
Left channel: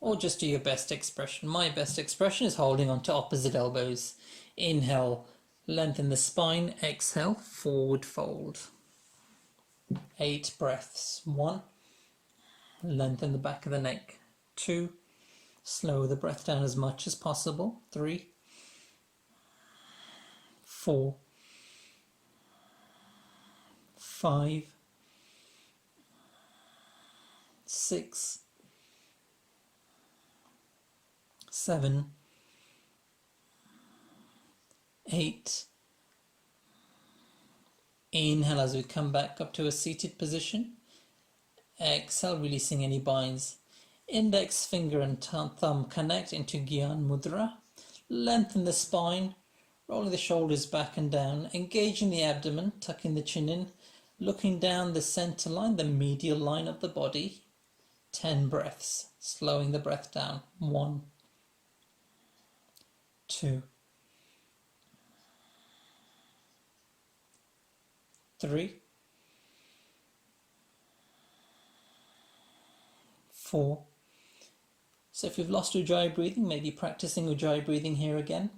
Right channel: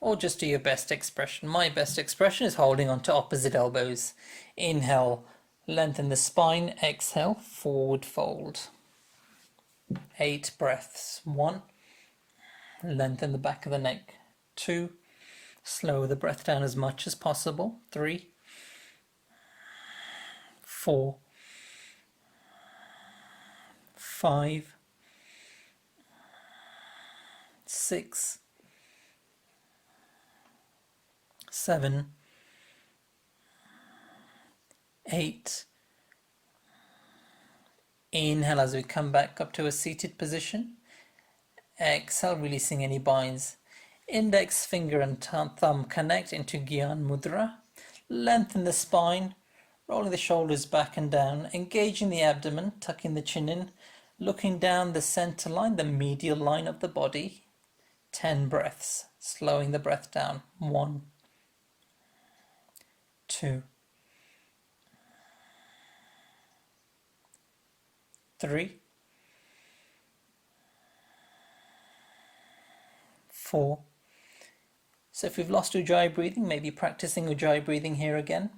or just do your best expression. My best expression is holding on to opposite elbows. Inhale, lengthen the spine. Exhale, forward fold. 8 breaths. 1, lengthen the back of the neck. 2, slow the breath down as much as possible. 3, 4, 5, 6, 7, 8. Inhale as we come back up to a seated position. Exhale, releasing any binds. Index finger and thumb connect into Gyan Mudra. Lengthen the spine, rolling the shoulders back and down, engaging the abdomen, tucking the chin in, looking down the center line, the medial line of the body. 10 breaths, slowing the breath down. 1, 2, 3, 4. So if we've lost Ujjayi breathing, maybe practicing Ujjayi breathing here again,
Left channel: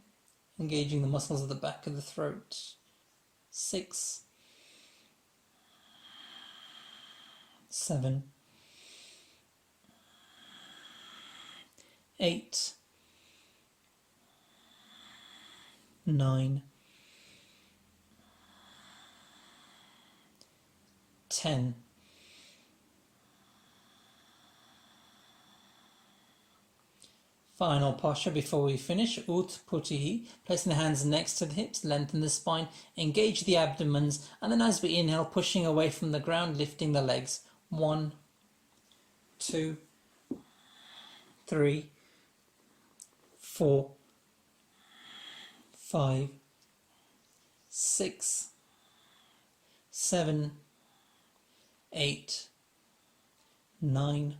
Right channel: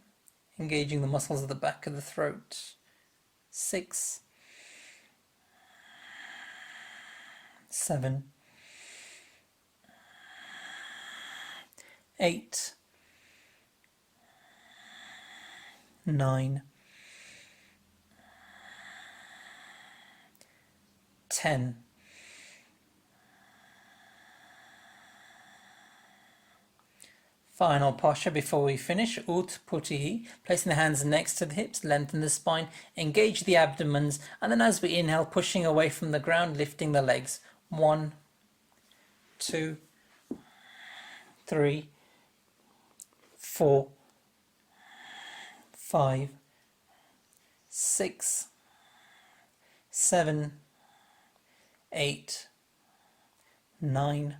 engaging the muscles of the back of the throat. 6, 7, 8, 9, 10. Final posture before we finish, Utputtihi, placing the hands next to the hips, lengthen the spine, engage the abdomens, and then as we inhale, pushing away from the ground, lifting the legs. 1, 2, 3, 4, 5, 6, 7, 8, 9,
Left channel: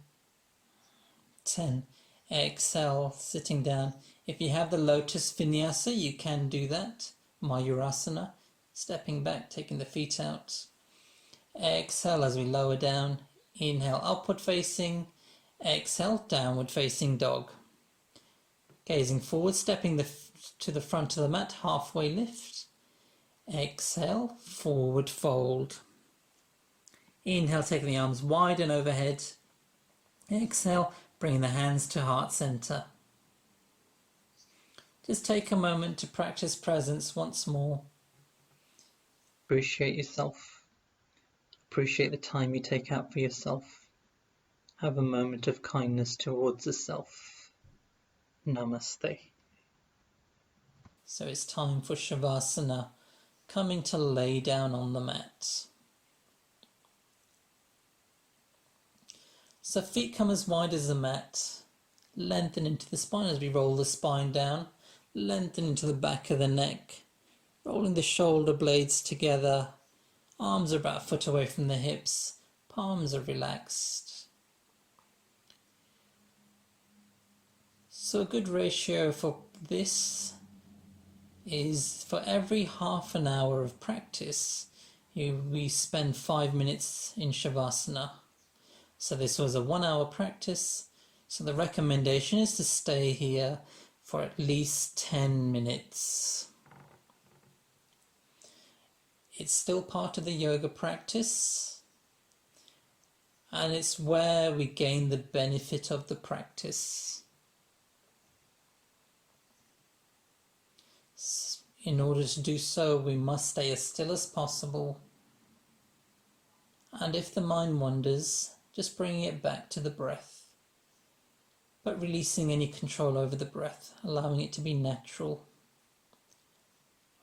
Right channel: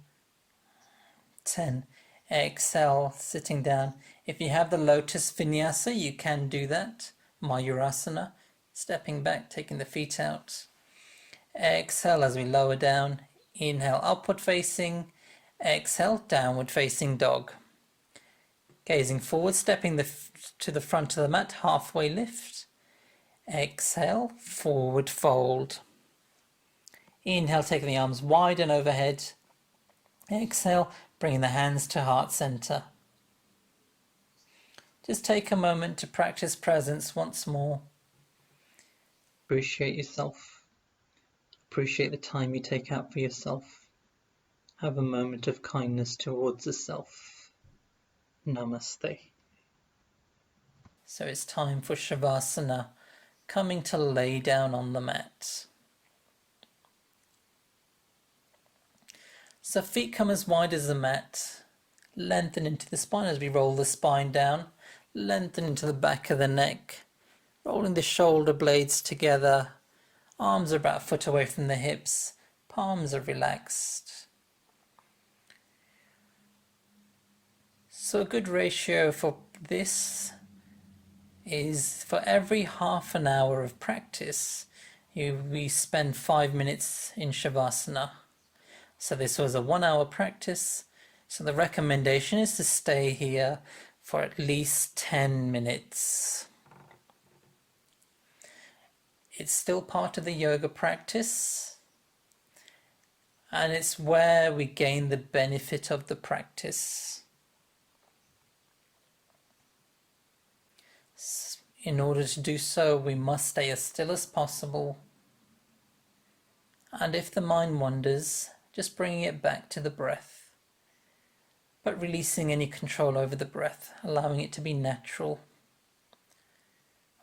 10. Exhale, sitting down. If you have the lotus vinyasa, you can do that. Mayurasana, stepping back, taking the feet out. Exhale as we lower down. Inhale, upward facing. Exhale, downward facing dog. Gazing forward, stepping to the front of the mat, halfway lift. Exhale, forward fold. Inhale, taking the arms wide and overhead. Exhale, bringing the hands to heart center. Just take a moment to practice presence once more. Appreciate yourself. Appreciate the time you take out for yourself. Have a moment of kindness towards the self. Namaste. So it's time for Shavasana, coming to lay down on the mat. So feet come as wide as the mat. Lengthen into the spine as we roll the spine down. Lengthen into the back of the neck. Rolling the shoulder blades together. Arms are about a foot away from the hips. Palms are relaxed. So a good ratio for this is for every half an hour of practice, we spend 5 minutes in Shavasana. So this was a 1 hour practice. So the recommendation is to stay here for at least 10 minutes. It's still part of the yoga practice, and it's where we gain the benefit of the practice. In order to do so, we must stay as still as possible. And if the mind wanders, just bringing it back to the breath, but releasing any control over the breath, allowing it to be natural.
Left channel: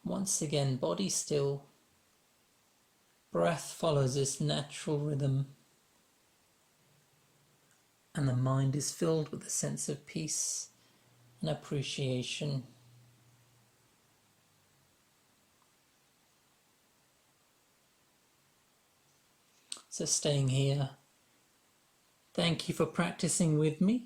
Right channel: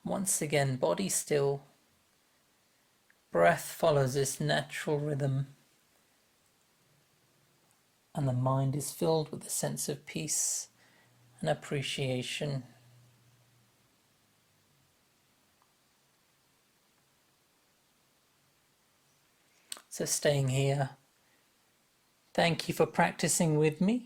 Once again, body still. Breath follows this natural rhythm, and the mind is filled with a sense of peace and appreciation. So staying here, thank you for practicing with me.